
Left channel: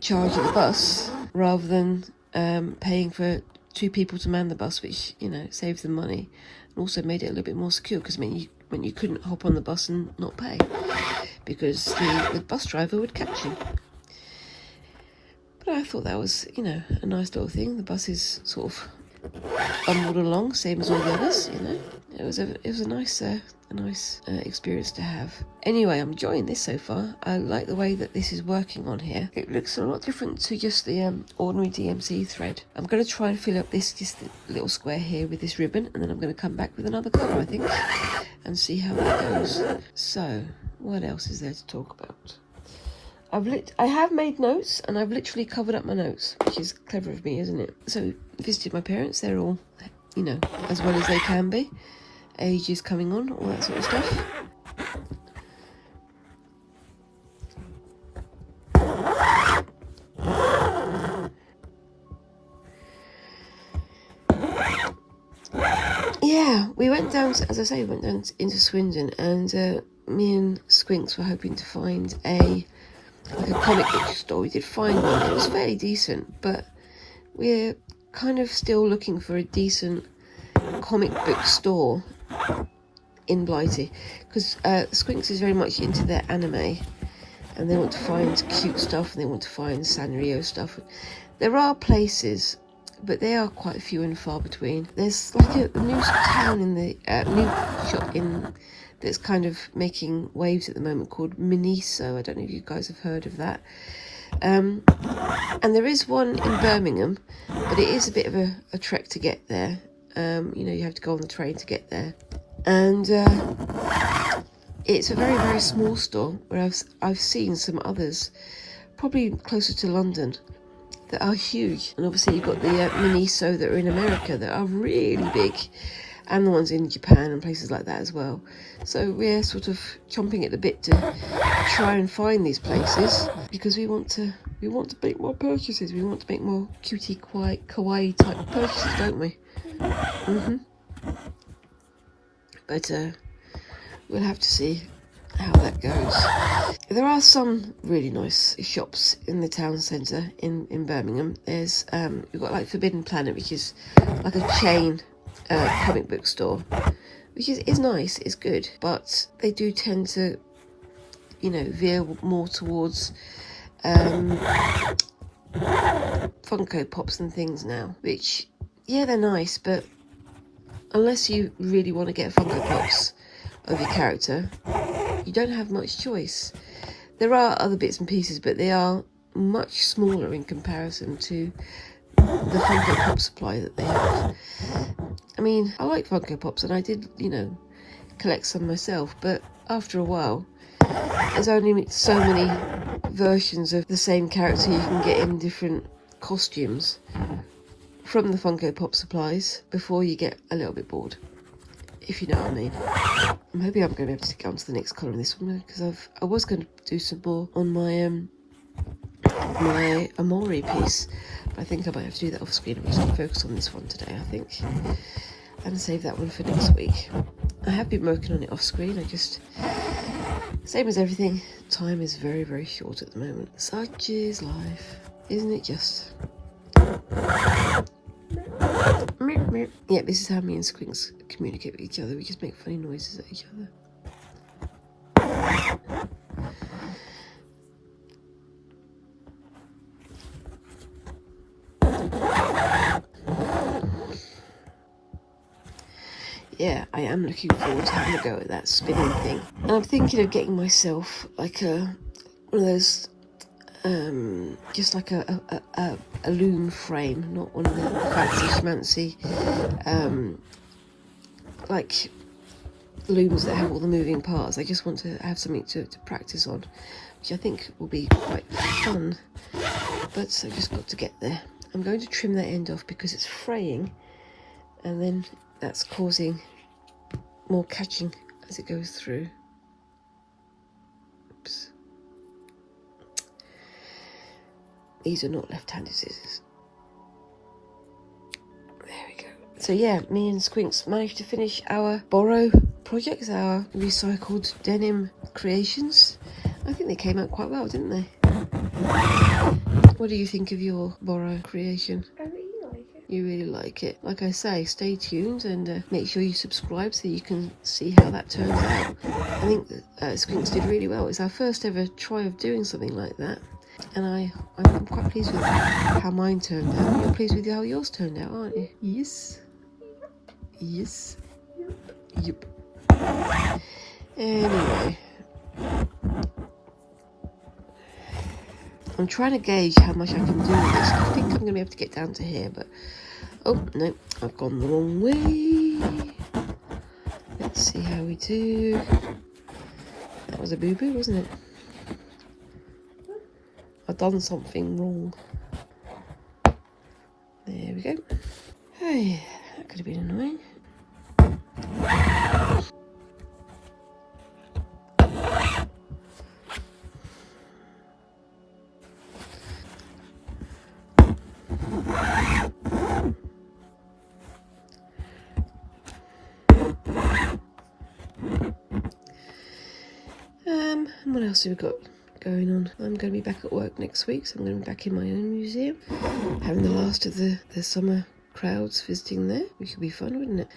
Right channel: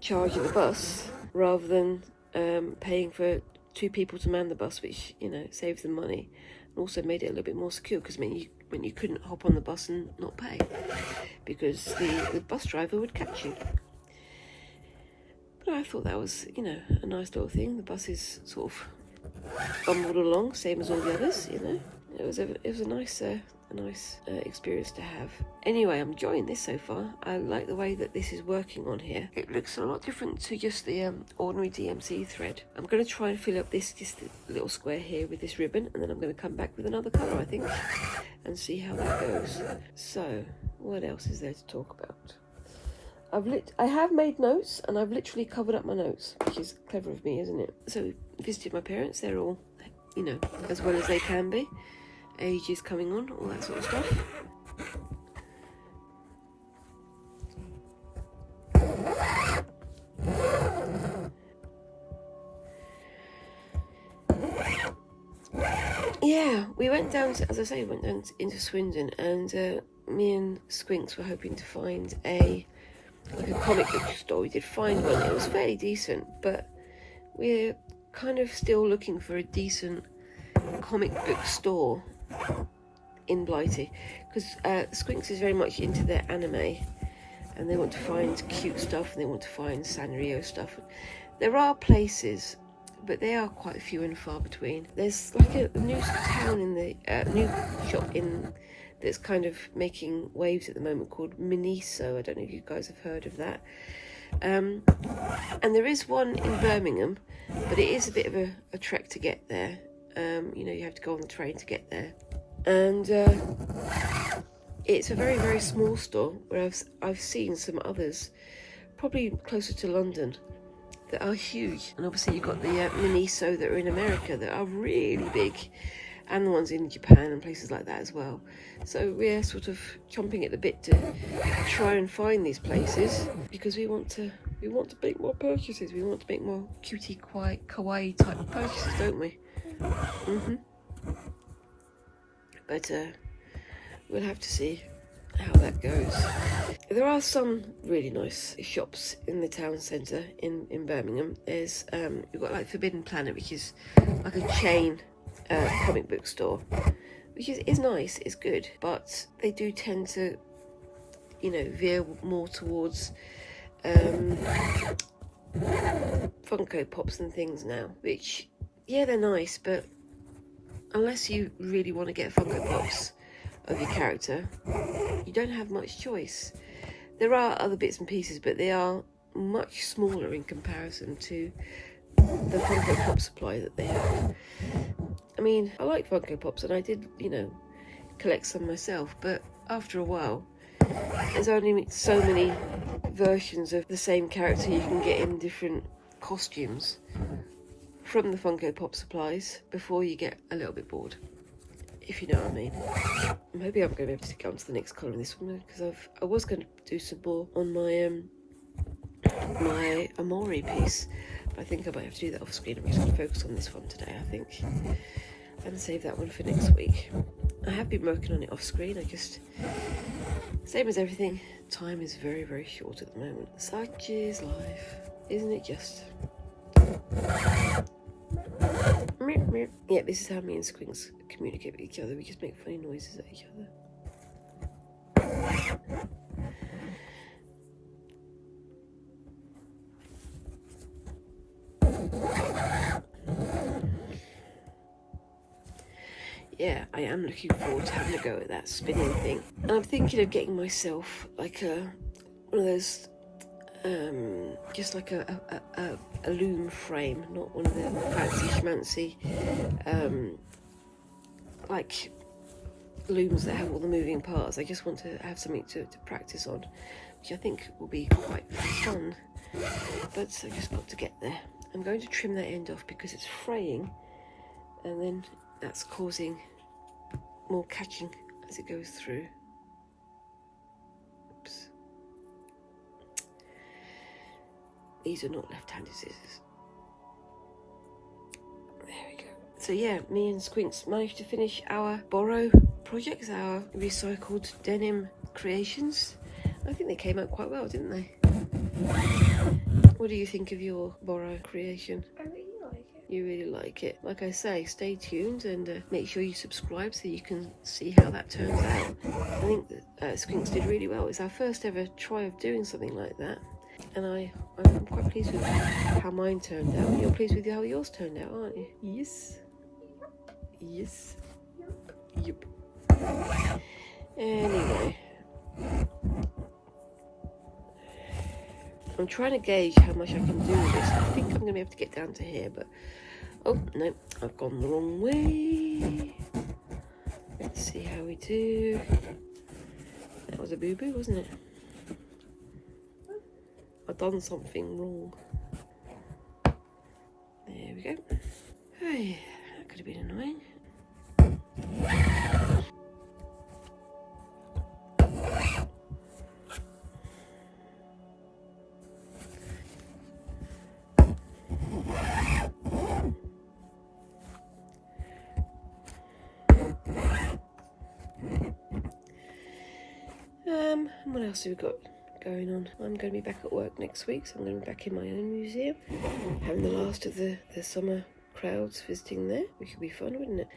charge of the bus, rather than paying for two people to man the bus, which, you know, saved them money, and also made it a little bit more secure, because when you couldn't hop on the bus and not pay, because the bus driver would catch you. But I thought that was, you know, a nice little thing. The bus is sort of bumbled along, same as all the others, you know. It was a nice experience to have. Anyway, I'm enjoying this so far. I like the way that this is working on here. It looks a lot different to just the ordinary DMC thread. I'm going to try and fill up this just little square here with this ribbon, and then I'm going to come back with another colour, I think, and see how it goes. So, what else is there to talk about? I have made notes, and I've literally covered up my notes, which is clever of me, isn't it? So visited my parents. They're all, you know, as well as they can be. Age is coming on, all that sort of stuff. Yeah, we went down, as I say, we went down into Swindon, and me and Squinks were hoping to find a comic book store. We did find one. It was fairly decent, but we're kind of still looking for a decent comic book store in Blighty, because Squinks is very much into their anime, and they want to find cute stuff, and they want to find Sanrio stuff. There are places, but they are quite few and far between. There's like a new town in the new shop in that's kind of making waves at the moment called Miniso. I don't know if you guys have heard of that. And there is one in Birmingham, but it is a bit of a trek to get there. You know, you have to go on the train to get there, and it's a very, very small store. Where I've seen some others, probably closer to London, that are huge. And obviously you've got the Miniso that are in America that are really big, and the ones in Japan and places like that as well. So we're sort of chomping at the bit to try and find these places, because we want to make more purchases. We want to make more cutie kawaii type purchases, don't we? But we'll have to see how that goes. There are some really nice shops in the town centre in Birmingham. There's we've got like Forbidden Planet, which is like a chain comic book store, which is nice, it's good, but they do tend to, you know, veer more towards Funko Pops and things now, which, yeah, they're nice, but unless you really want to get Funko Pops of your character, you don't have much choice. There are other bits and pieces, but they are much smaller in comparison to the Funko Pop supply that they have. I mean, I like Funko Pops, and I did, you know, collect some myself, but after a while, there's only so many versions of the same character you can get in different costumes from the Funko Pop supplies before you get a little bit bored, if you know what I mean. Maybe I'm going to be able to get on to the next colour on this one, because I was going to do some more on my my Amori piece, but I think I might have to do that off screen. I'm just going to focus on this one today, I think, and save that one for next week. I have been working on it off screen. I just, same as everything, time is very, very short at the moment. Such is life, isn't it just? Yeah, this is how me and Squinks communicate with each other. We just make funny noises at each other. Yeah, I am looking forward to having a go at that spinning thing. And I'm thinking of getting myself like one of those, just like a loom frame, not one of the fancy schmancy, like looms that have all the moving parts. I just want to have something to practice on, which I think will be quite fun, but I've just got to get there. I'm going to trim that end off because it's fraying, and then that's causing more catching as it goes through. Oops. These are not left-handed scissors. There we go. So yeah, me and Squinks managed to finish our borrow projects, our recycled denim creations. I think they came out quite well, didn't they? What do you think of your borrow creation? I really like it. You really like it. Like I say, stay tuned and make sure you subscribe so you can see how that turns out. I think that Squinks did really well. It's our first ever try of doing something like that, and I'm quite pleased with how mine turned out. You're pleased with how yours turned out, aren't you? Yes. Yes. Yep. Anyway, I'm trying to gauge how much I can do with this. I think I'm going to be able to get down to here, but oh no, I've gone the wrong way. Let's see how we do. That was a boo-boo, wasn't it? done something wrong. There we go. Hey, that could have been annoying. And what else have we got going on? I'm going to be back at work next week, so I'm going to be back in my own museum, having the last of the summer crowds visiting there, which would be fun, wouldn't it?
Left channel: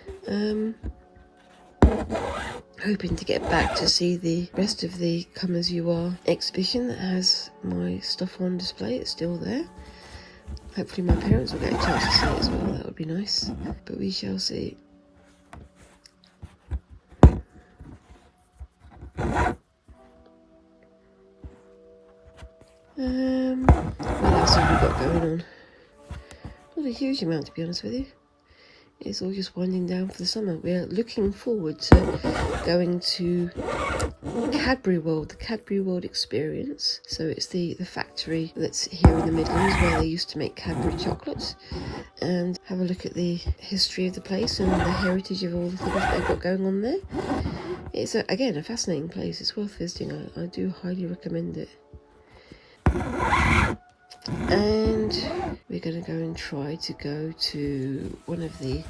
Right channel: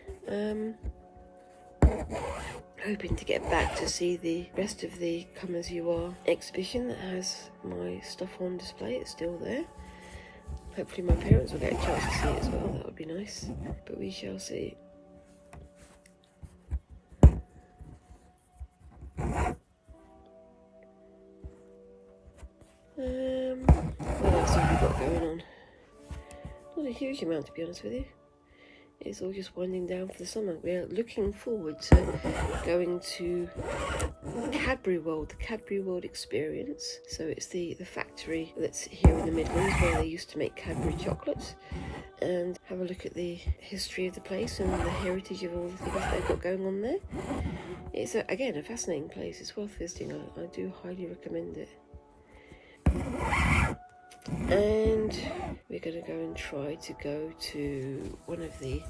Hoping to get back to see the rest of the Come As You Are exhibition that has my stuff on display. It's still there. Hopefully my parents will get a chance to see it as well. That would be nice, but we shall see. What else have we got going on? Not a huge amount, to be honest with you. It's all just winding down for the summer. We're looking forward to going to Cadbury World, the Cadbury World experience. So it's the factory that's here in the Midlands where they used to make Cadbury chocolates, and have a look at the history of the place and the heritage of all the things that they've got going on there. It's, again, a fascinating place. It's worth visiting. I do highly recommend it. And we're going to go and try to go to one of the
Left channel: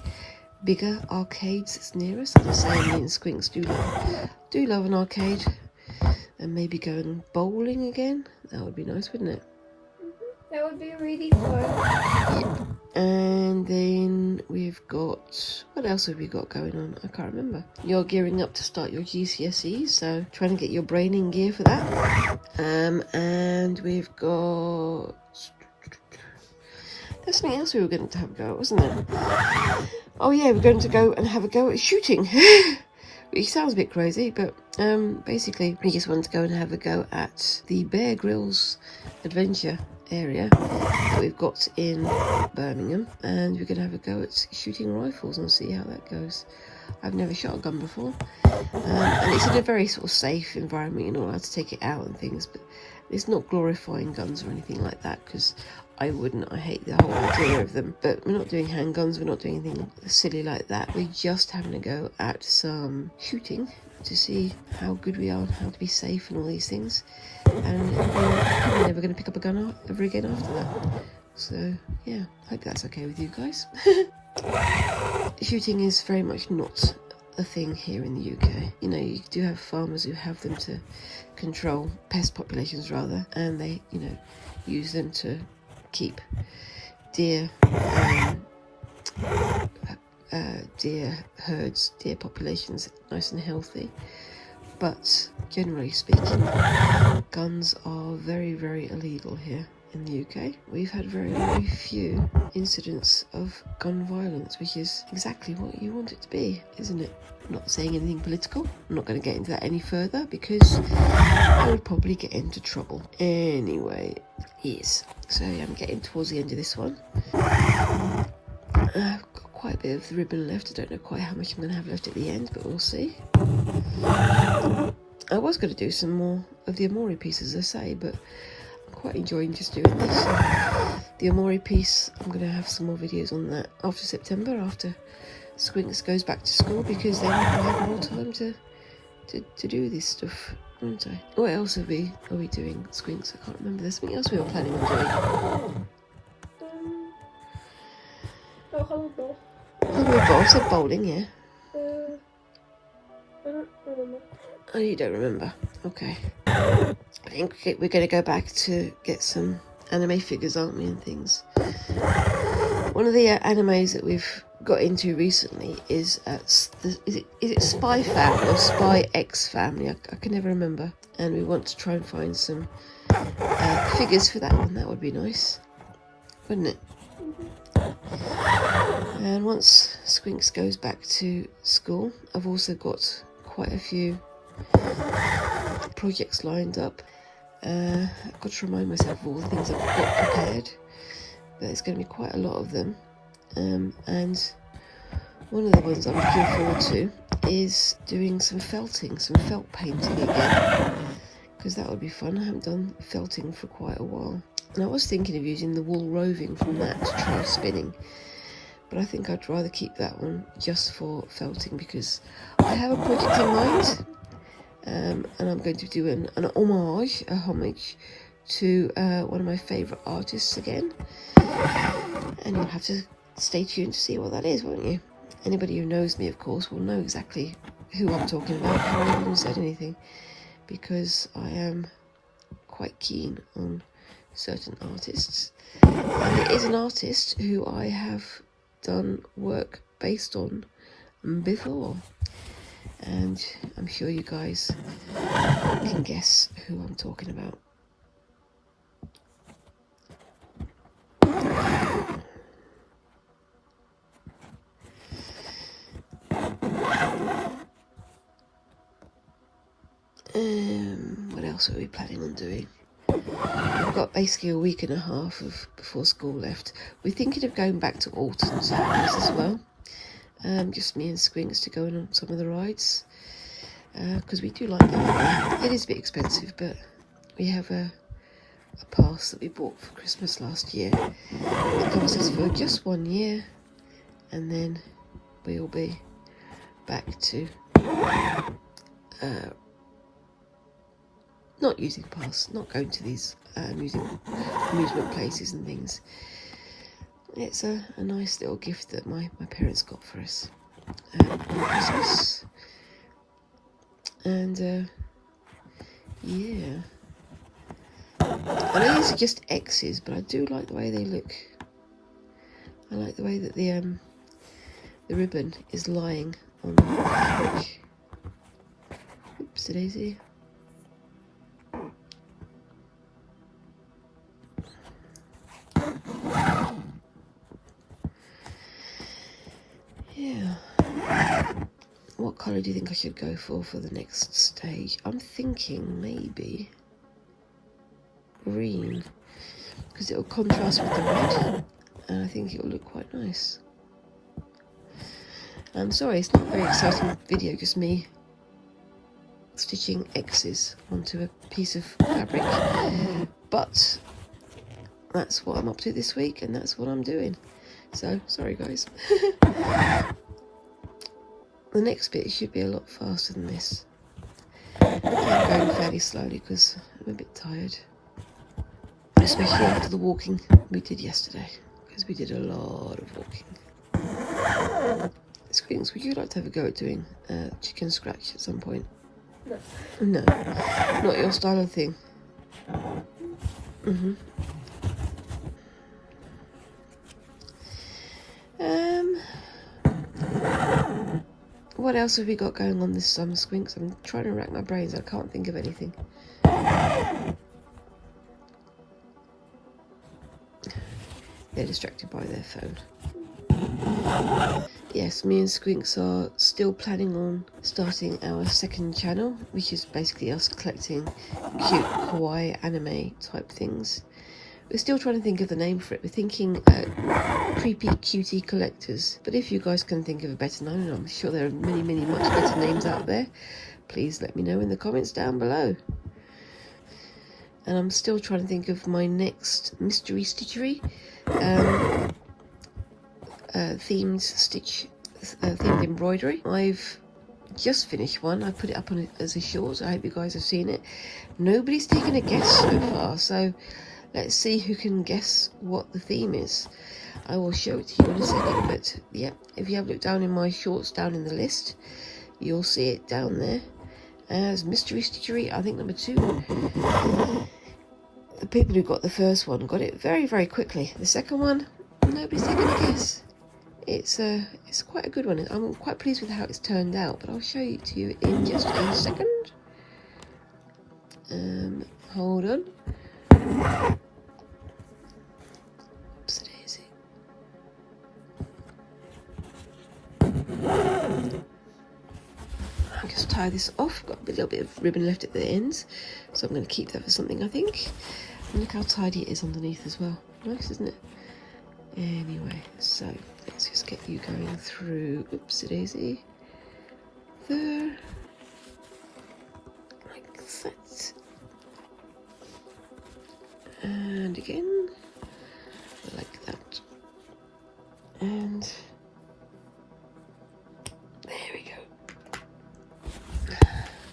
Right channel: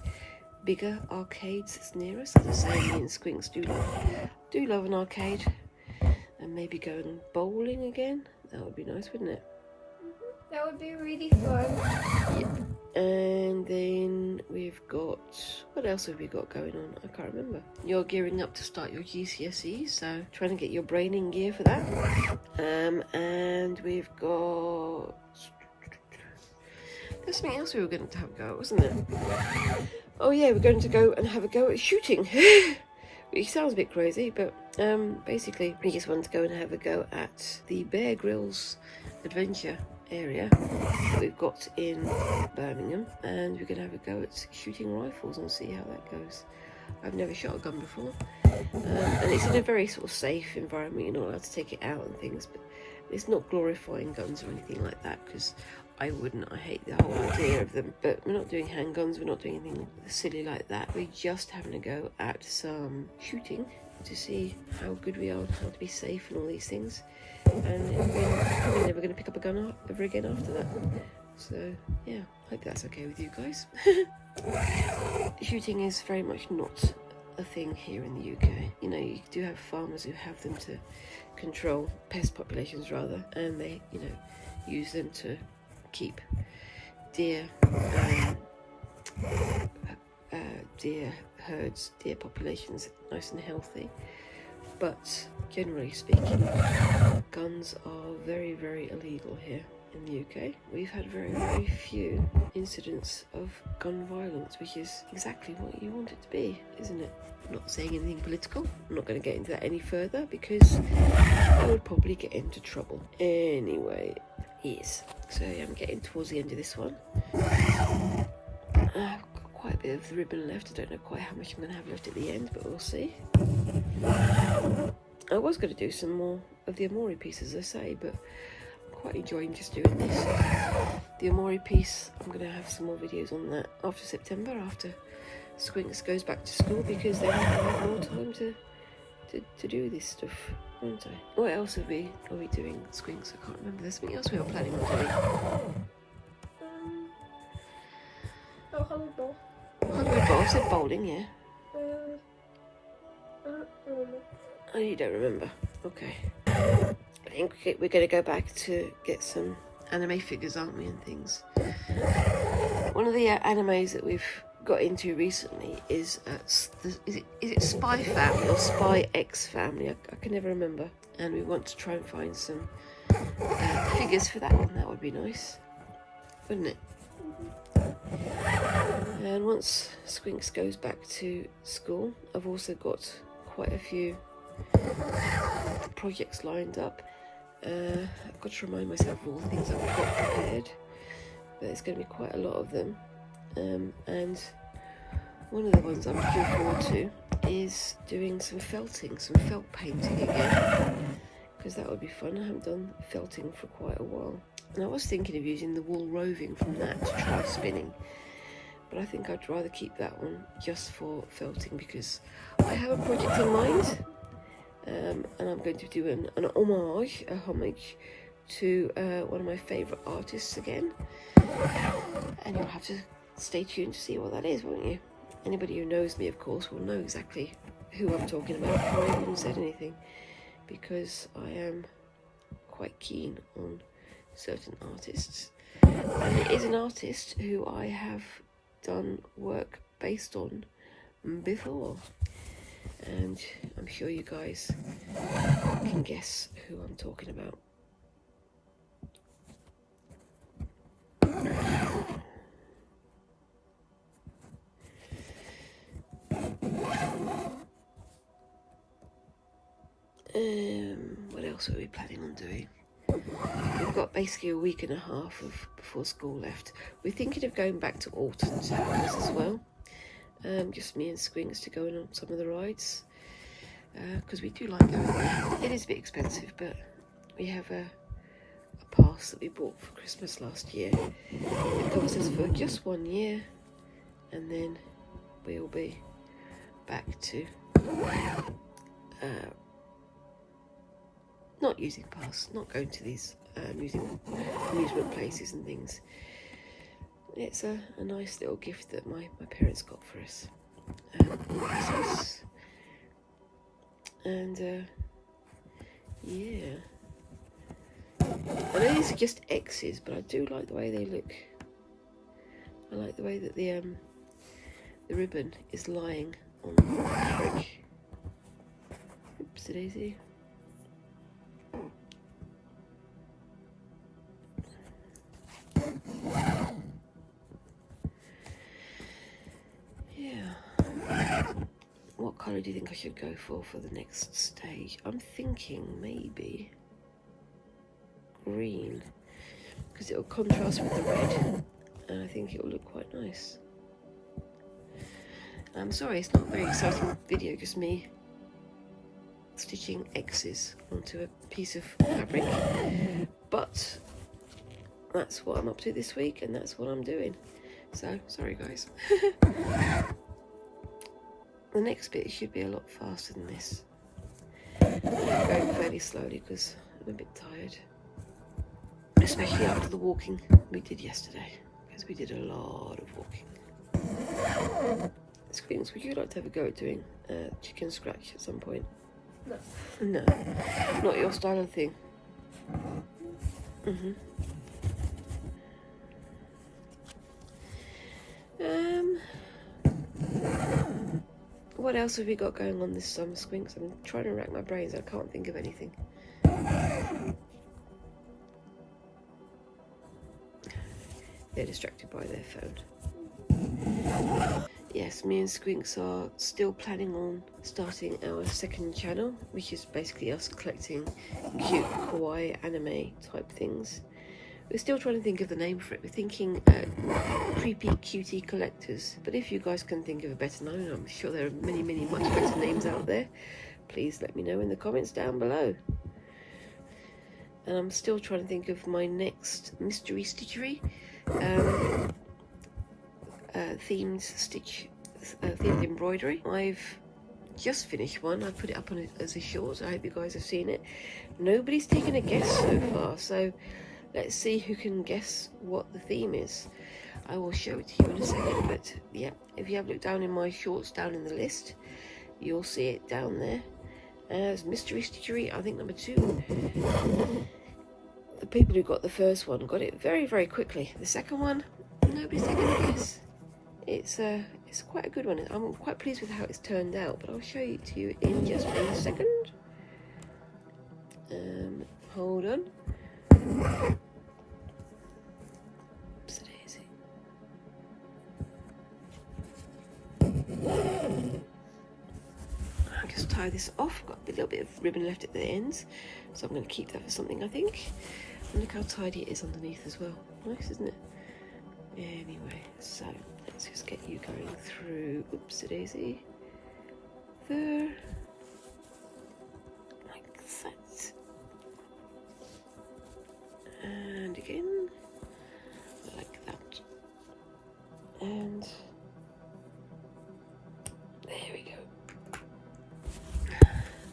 bigger arcades that's near us. As I say, me and Squinks do love an arcade, and maybe going bowling again. That would be nice, wouldn't it? That would be really fun. And then we've got, what else have we got going on? I can't remember. You're gearing up to start your GCSE, so trying to get your brain in gear for that. And we've got, there's something else we were going to have a go at, wasn't there? Oh yeah, we're going to go and have a go at shooting. Which sounds a bit crazy, but basically we just wanted to go and have a go at the Bear Grylls adventure area that we've got in Birmingham, and we're going to have a go at shooting rifles and see how that goes. I've never shot a gun before, and it's in a very sort of safe environment. You're not allowed to take it out and things, but it's not glorifying guns or anything like that, because I wouldn't. I hate the whole idea of them. But we're not doing handguns, we're not doing anything silly like that. We're just having a go at some shooting to see how good we are, how to be safe and all these things. And we're never going to pick up a gun ever again after that. So yeah, I hope that's okay with you guys. Shooting is very much not a thing here in the UK. You know, you do have farmers who have them to control pest populations rather, and they, you know, use them to keep deer herds, deer populations nice and healthy. But generally speaking, guns are very, very illegal here in the UK. We've had very, very few incidents of gun violence, which is exactly what you want it to be, isn't it? I'm not saying anything political. I'm not going to get into that any further because I would probably get into trouble. Anyway, yes. So I'm getting towards the end of this one. I've got quite a bit of the ribbon left. I don't know quite how much I'm going to have left at the end, but we'll see. I was going to do some more of the Amore pieces, as I say, but I'm quite enjoying just doing this. The Amore piece, I'm going to have some more videos on that after September, after Squinks goes back to school, because then I'll have more time to do this stuff, won't I? What else are we doing, Squinks? I can't remember. There's something else we were planning on doing. Volleyball. I said bowling, yeah. I don't remember. Oh, you don't remember? Okay. I think we're going to go back to get some anime figures, aren't we, and things. One of the animes that we've got into recently is is it Spy Family or Spy X Family? I can never remember. And we want to try and find some figures for that one. That would be nice, wouldn't it? And once Squinks goes back to school, I've also got quite a few projects lined up. I've got to remind myself of all the things I've got prepared, but it's going to be quite a lot of them. And one of the ones I'm looking forward to is doing some felting, some felt painting again, because that would be fun. I haven't done felting for quite a while. And I was thinking of using the wool roving from that to try spinning, but I think I'd rather keep that one just for felting, because I have a project in mind, and I'm going to do a homage to one of my favourite artists again, and you'll have to stay tuned to see what that is, won't you? Anybody who knows me, of course, will know exactly who I'm talking about. I haven't even said anything, because I am quite keen on certain artists. And it is an artist who I have done work based on before, and I'm sure you guys can guess who I'm talking about. What else are we planning on doing? We've got basically a week and a half before school left. We're thinking of going back to Alton Saturdays as well. Just me and Squinks to go on some of the rides, because we do like them. It is a bit expensive, but we have a pass that we bought for Christmas last year. It covers us for just 1 year, and then we'll be back to not using pass, not going to these amusement places and things. It's a nice little gift that my parents got for us on Christmas. And yeah, I know it's just X's, but I do like the way they look. I like the way that the ribbon is lying on the page. Oopsie daisy. Yeah. What colour do you think I should go for the next stage? I'm thinking maybe green, because it'll contrast with the red, and I think it'll look quite nice. I'm sorry, it's not a very exciting video, just me stitching X's onto a piece of fabric, but that's what I'm up to this week, and that's what I'm doing. So, sorry guys. The next bit should be a lot faster than this. I'm going fairly slowly because I'm a bit tired, especially after the walking we did yesterday, because we did a lot of walking. Squinks, would you like to have a go at doing chicken scratch at some point? No. No, not your style of thing. What else have we got going on this summer, Squinks? I'm trying to rack my brains, I can't think of anything. They're distracted by their phone. Yes, me and Squinks are still planning on starting our second channel, which is basically us collecting cute kawaii anime type things. We're still trying to think of the name for it. We're thinking Creepy Cutie Collectors. But if you guys can think of a better name, I'm sure there are many, many much better names out there, please let me know in the comments down below. And I'm still trying to think of my next mystery stitchery. Themed embroidery. I've just finished one. I put it up on it as a short. I hope you guys have seen it. Nobody's taken a guess so far, so let's see who can guess what the theme is. I will show it to you in a second, but yeah, if you have looked down in my shorts down in the list, you'll see it down there as mystery stitchery, I think number 2. The people who got the first one got it very, very quickly. The second one, nobody's taken a guess. It's quite a good one. I'm quite pleased with how it's turned out, but I'll show it to you in just a second. Hold on. Oopsie daisy. I'll just tie this off. Got a little bit of ribbon left at the ends, so I'm going to keep that for something, I think. And look how tidy it is underneath as well. Nice, isn't it? Anyway, so let's just get you going through. Oopsie daisy. There. Like that. round again, like that. And there we go.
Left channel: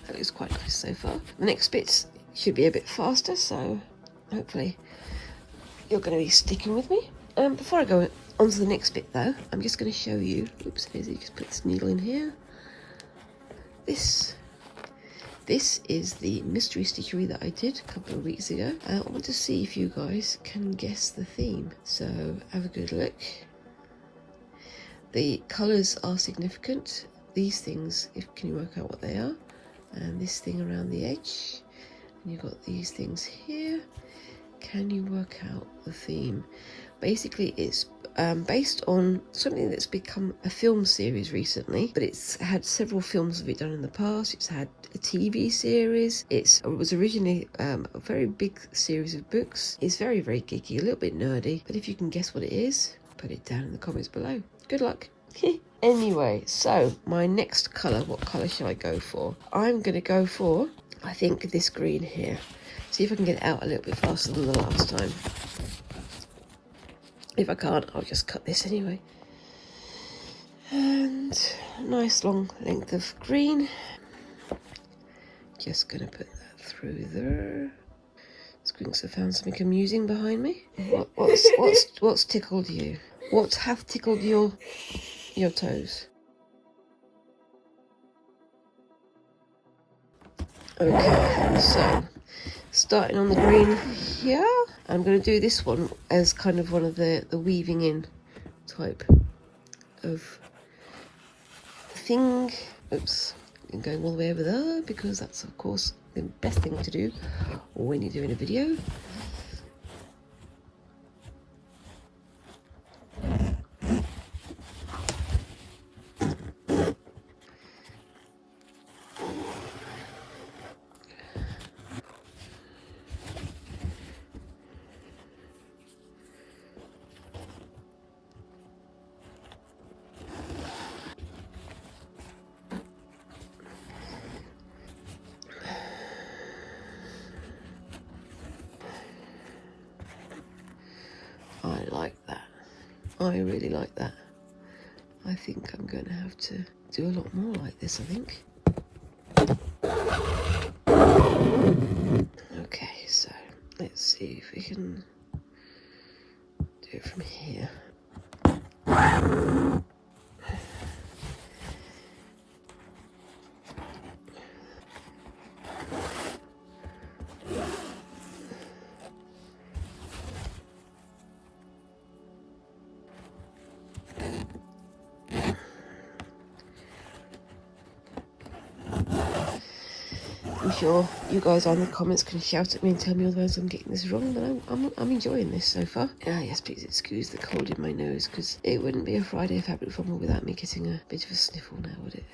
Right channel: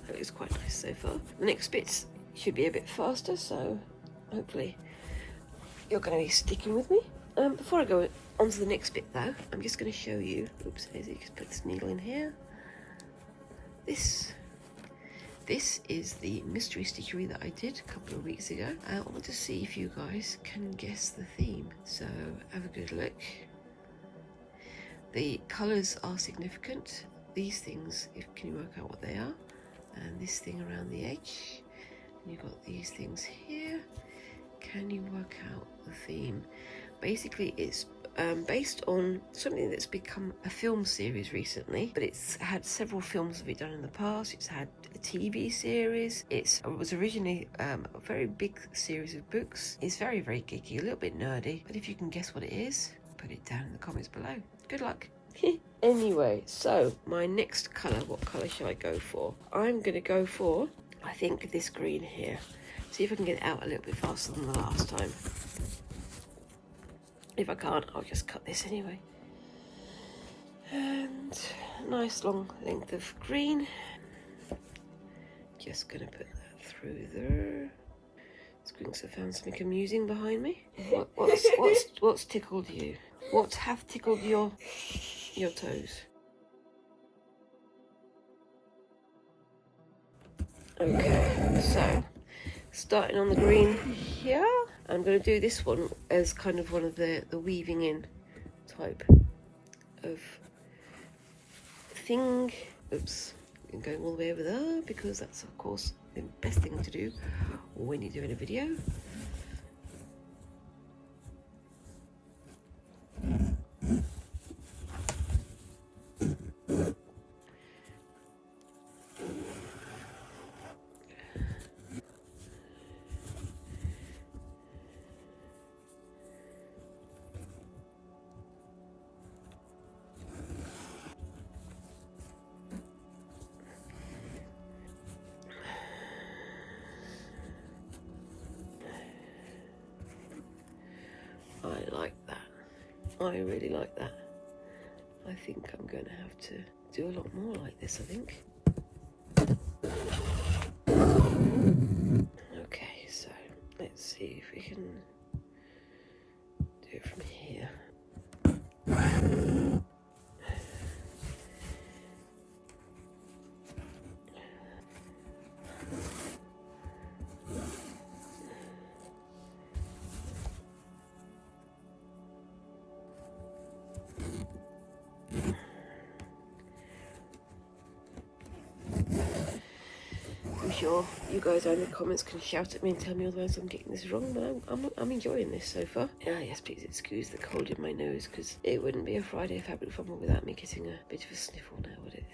That looks quite nice so far. The next bits should be a bit faster, so hopefully you're going to be sticking with me. Before I go on to the next bit though, I'm just going to show you, oops, just put this needle in here. This is the mystery stitchery that I did a couple of weeks ago. I want to see if you guys can guess the theme, so have a good look. The colours are significant. These things, can you work out what they are? And this thing around the edge, and you've got these things here. Can you work out the theme? Basically, it's based on something that's become a film series recently, but it's had several films of it done in the past. It's had a TV series. It was originally a very big series of books. It's very, very geeky, a little bit nerdy, but if you can guess what it is, put it down in the comments below. Good luck. Anyway, so my next colour, what colour shall I go for? I'm going to go for, I think, this green here. See if I can get it out a little bit faster than the last time. If I can't, I'll just cut this anyway. And nice long length of green. Just gonna put that through there. Squinks have found something amusing behind me. What's tickled you? What hath tickled your toes? Okay, so starting on the green here. I'm going to do this one as kind of one of the weaving in type of thing. Oops, I'm going all the way over there because that's of course the best thing to do when you're doing a video. I like that. I really like that. I think I'm going to have to do a lot more like this, I think. Okay, so let's see if we can do it from here. I'm sure you guys in the comments can shout at me and tell me otherwise I'm getting this wrong, but I'm enjoying this so far. Yes, please excuse the cold in my nose, because it wouldn't be a Friday Fabric Fumble without me getting a bit of a sniffle now, would it?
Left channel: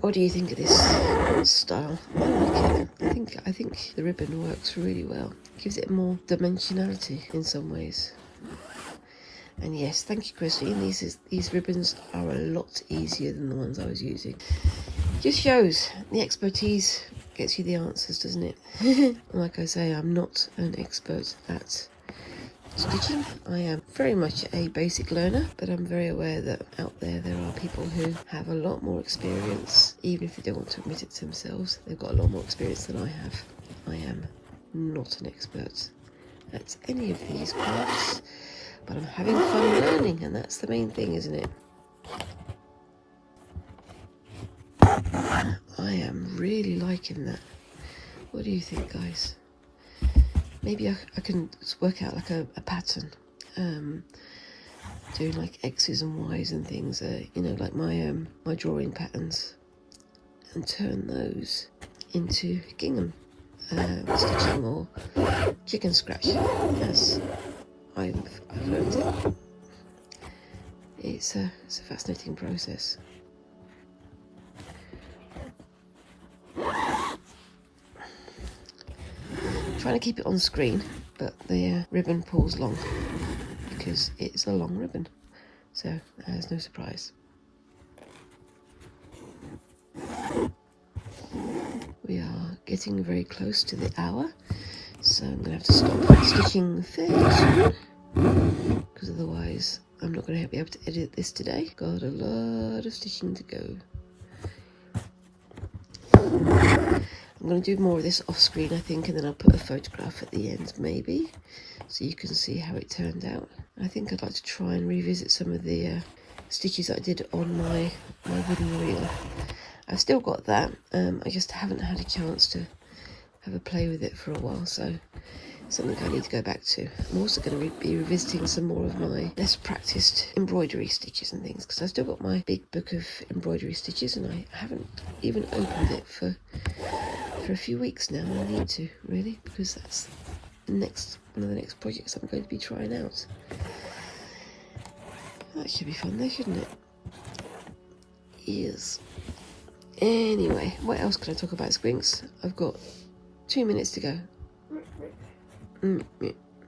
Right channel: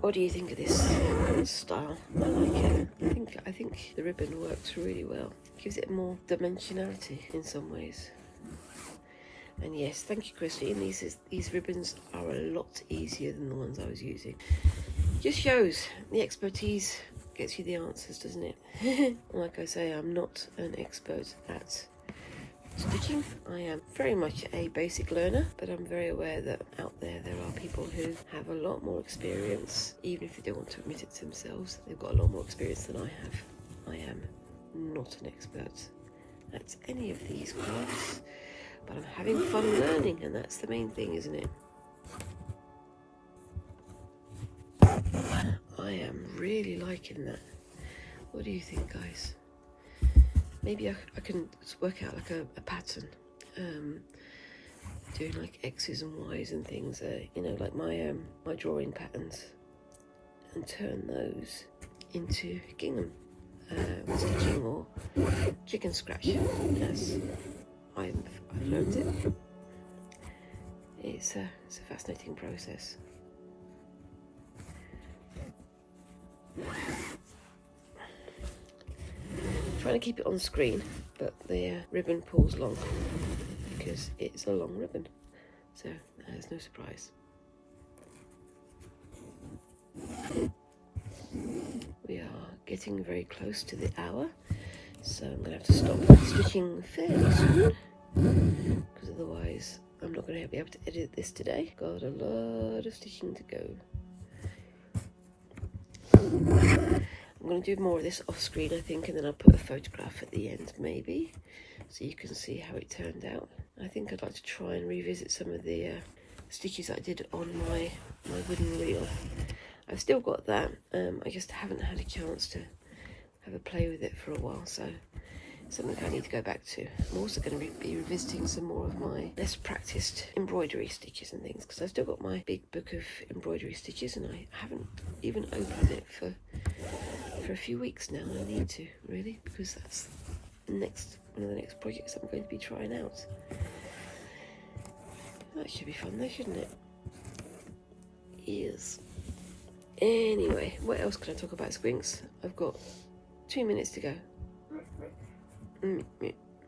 What do you think of this style? I like it. I think the ribbon works really well. It gives it more dimensionality in some ways. And yes, thank you, Christine. These ribbons are a lot easier than the ones I was using. Just shows the expertise gets you the answers, doesn't it? Like I say, I'm not an expert at stitching. I am very much a basic learner, but I'm very aware that out there are people who have a lot more experience, even if they don't want to admit it to themselves. They've got a lot more experience than I have. I am not an expert at any of these crafts, but I'm having fun learning, and that's the main thing, isn't it? I am really liking that. What do you think, guys? Maybe I can work out like a pattern, doing like X's and Y's and things, you know, like my drawing patterns, and turn those into gingham stitching or chicken scratch, as I've learned it. It's a fascinating process. Trying to keep it on screen, but the ribbon pulls long because it's a long ribbon, so there's no surprise. We are getting very close to the hour, so I'm going to have to stop stitching fairly soon, because otherwise I'm not going to be able to edit this today. Got a lot of stitching to go. I'm going to do more of this off screen, I think, and then I'll put a photograph at the end, maybe, so you can see how it turned out. I think I'd like to try and revisit some of the stitches I did on my wooden reel. I've still got that, I just haven't had a chance to have a play with it for a while, so it's something I need to go back to. I'm also going to be revisiting some more of my less practiced embroidery stitches and things, because I've still got my big book of embroidery stitches and I haven't even opened it for a few weeks now, and I need to, really, because that's one of the next projects I'm going to be trying out. That should be fun though, shouldn't it? Yes. Anyway, what else can I talk about, Squinks? I've got 2 minutes to go.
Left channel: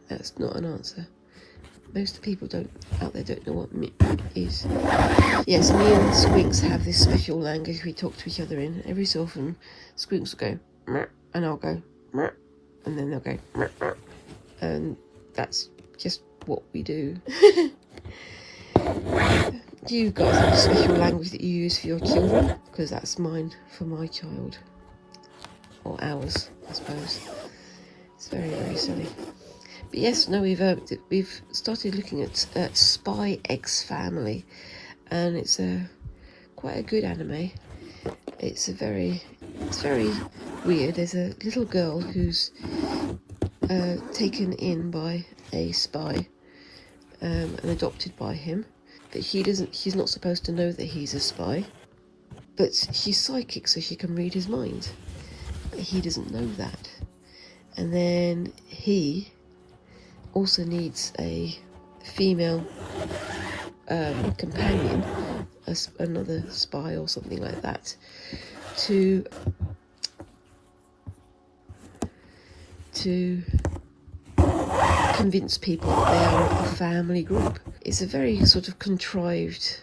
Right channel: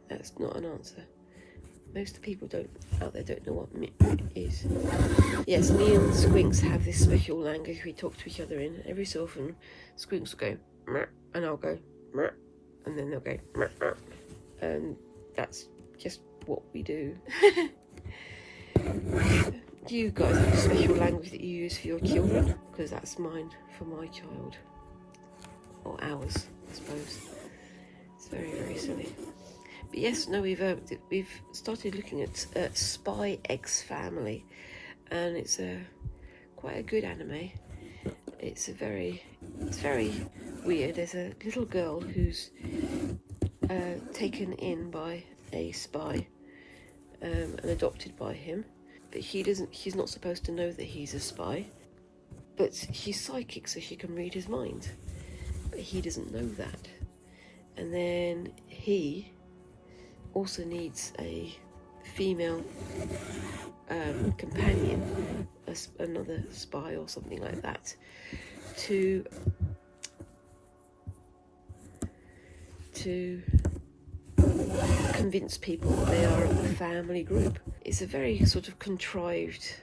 That's not an answer. Most people out there don't know what is. Yes, me and Squinks have this special language we talk to each other in. Every so often, Squinks will go, and I'll go, and then they'll go, and that's just what we do. You guys have a special language that you use for your children? Because that's mine for my child. Or ours, I suppose. It's very, very silly. But yes, no, we've started looking at Spy X Family, and it's quite a good anime. It's very weird. There's a little girl who's taken in by a spy and adopted by him. But she's not supposed to know that he's a spy, but she's psychic, so she can read his mind, but he doesn't know that. And then he also needs a female companion, another spy or something like that, to convince people that they are a family group. It's a very sort of contrived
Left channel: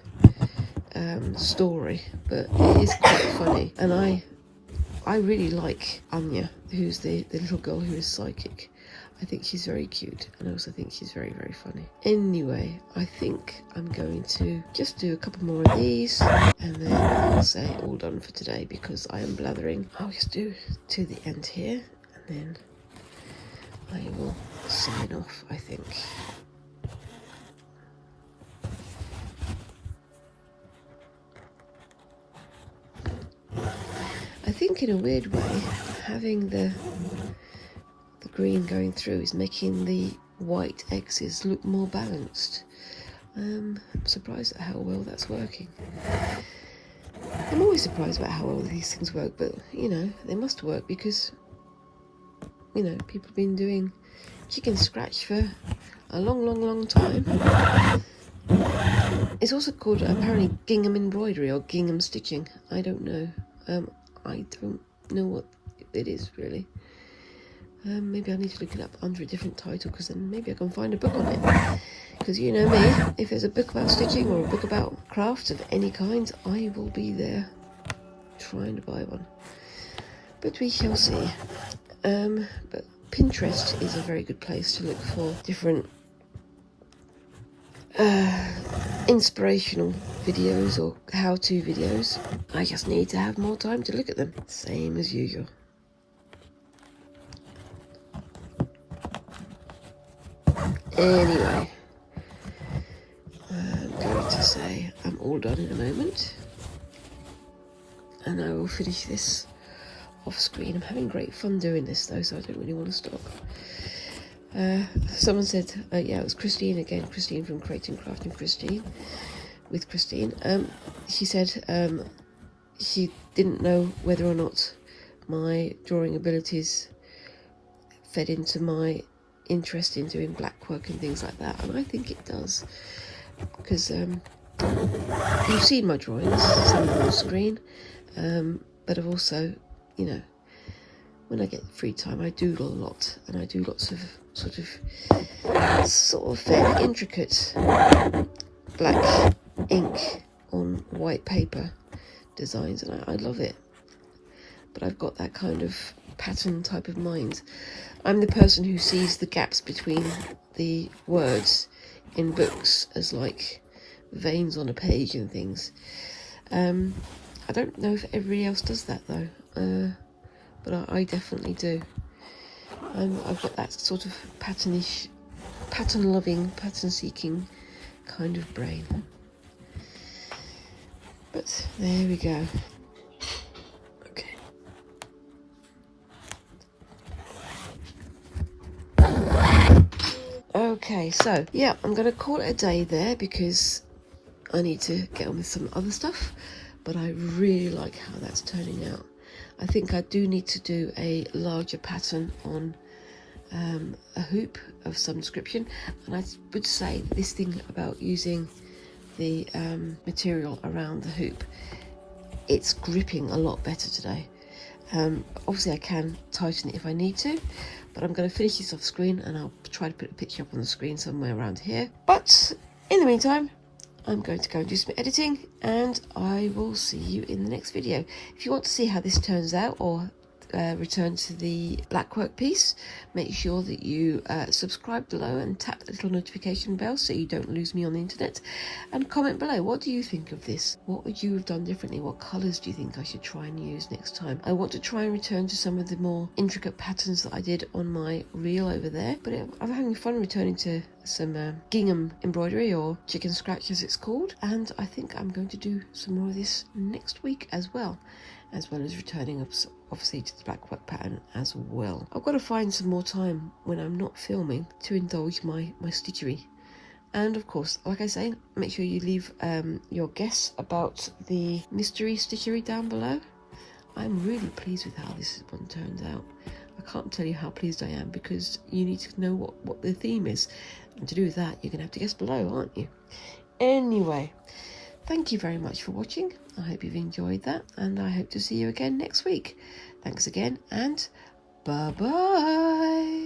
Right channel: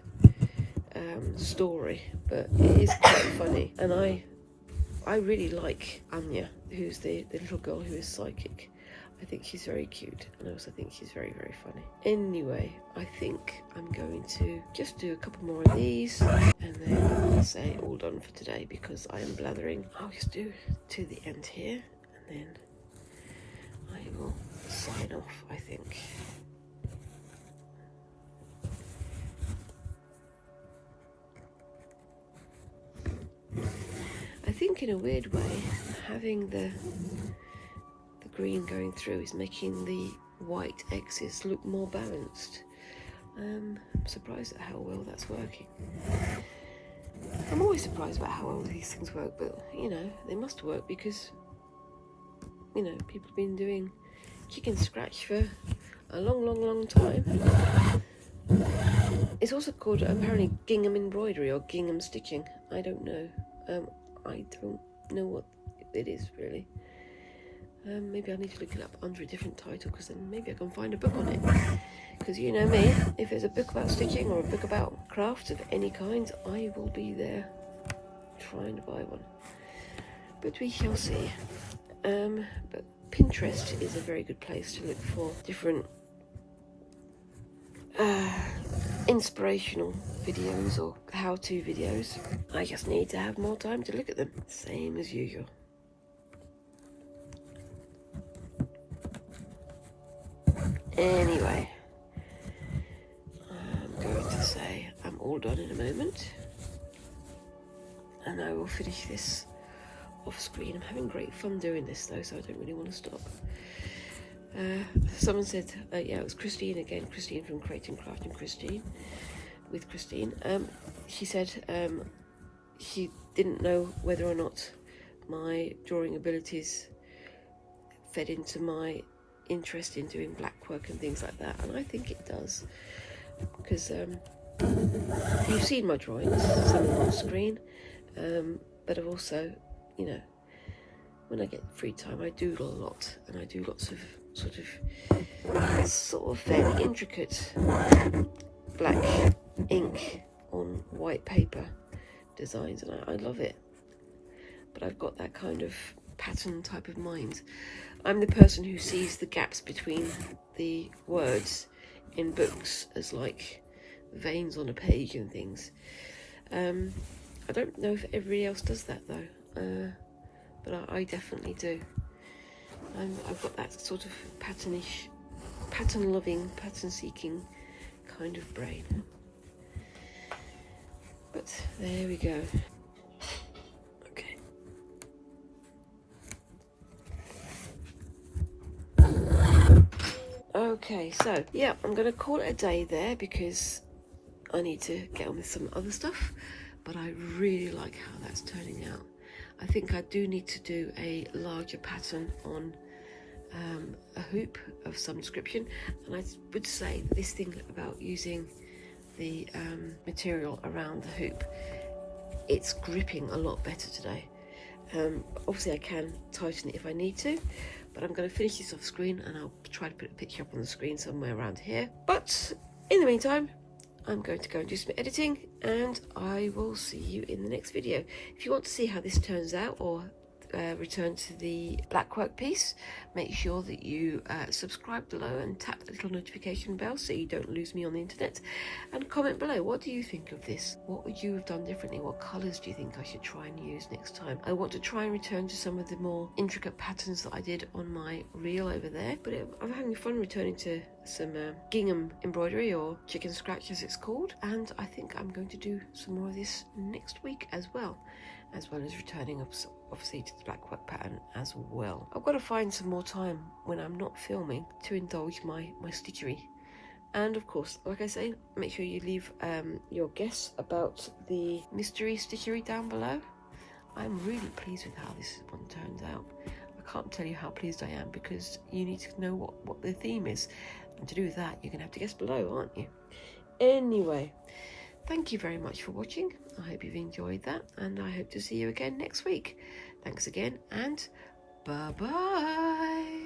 story, but it is quite funny, and I really like Anya, who's the little girl who is psychic. I think she's very cute, and I also think she's very, very funny. Anyway, I think I'm going to just do a couple more of these, and then I'll say all done for today, because I am blathering. I'll just do to the end here, and then I will sign off, I think. I think in a weird way, having the green going through is making the white X's look more balanced. I'm surprised at how well that's working. I'm always surprised about how well these things work, but you know, they must work because, you know, people have been doing chicken scratch for a long time. It's also called apparently Gingham embroidery or Gingham stitching. I don't know. I don't know what it is really. Maybe I need to look it up under a different title, because then maybe I can find a book on it. Because you know me, if there's a book about stitching or a book about crafts of any kind, I will be there trying to buy one. But we shall see. But Pinterest is a very good place to look for different inspirational videos or how-to videos. I just need to have more time to look at them. Same as usual. Anyway, I'm going to say I'm all done in a moment, and I will finish this off screen. I'm having great fun doing this though, so I don't really want to stop. Someone said, yeah, it was Christine again, Christine from Creating Crafting with Christine. She said she didn't know whether or not my drawing abilities fed into my interest in doing blackwork and things like that, and I think it does, because you've seen my drawings on the screen, but I've also, you know, when I get free time I doodle a lot, and I do lots of sort of fairly intricate black ink on white paper designs, and I love it. But I've got that kind of pattern type of mind. I'm the person who sees the gaps between the words in books as like veins on a page and things. I don't know if everybody else does that though, but I definitely do. I've got that sort of patternish, pattern-loving, pattern-seeking kind of brain. But there we go. Okay. Okay, so yeah, I'm going to call it a day there because I need to get on with some other stuff, but I really like how that's turning out. I think I do need to do a larger pattern on a hoop of some description, and I would say this thing about using the material around the hoop, it's gripping a lot better today. Obviously I can tighten it if I need to, but I'm going to finish this off screen and I'll try to put a picture up on the screen somewhere around here. But in the meantime, I'm going to go and do some editing, and I will see you in the next video. If you want to see how this turns out, or return to the blackwork piece, make sure that you subscribe below and tap the little notification bell so you don't lose me on the internet, and comment below, what do you think of this? What would you have done differently? What colours do you think I should try and use next time? I want to try and return to some of the more intricate patterns that I did on my reel over there, but I'm having fun returning to some gingham embroidery, or chicken scratch as it's called, and I think I'm going to do some more of this next week as well as returning obviously to the blackwork pattern as well. I've got to find some more time when I'm not filming to indulge my stitchery. And of course, like I say, make sure you leave your guess about the mystery stitchery down below. I'm really pleased with how this one turned out. I can't tell you how pleased I am, because you need to know what the theme is, and to do that you're gonna have to guess below, aren't you? Anyway, thank you very much for watching. I hope you've enjoyed that, and I hope to see you again next week. Thanks again, and bye-bye.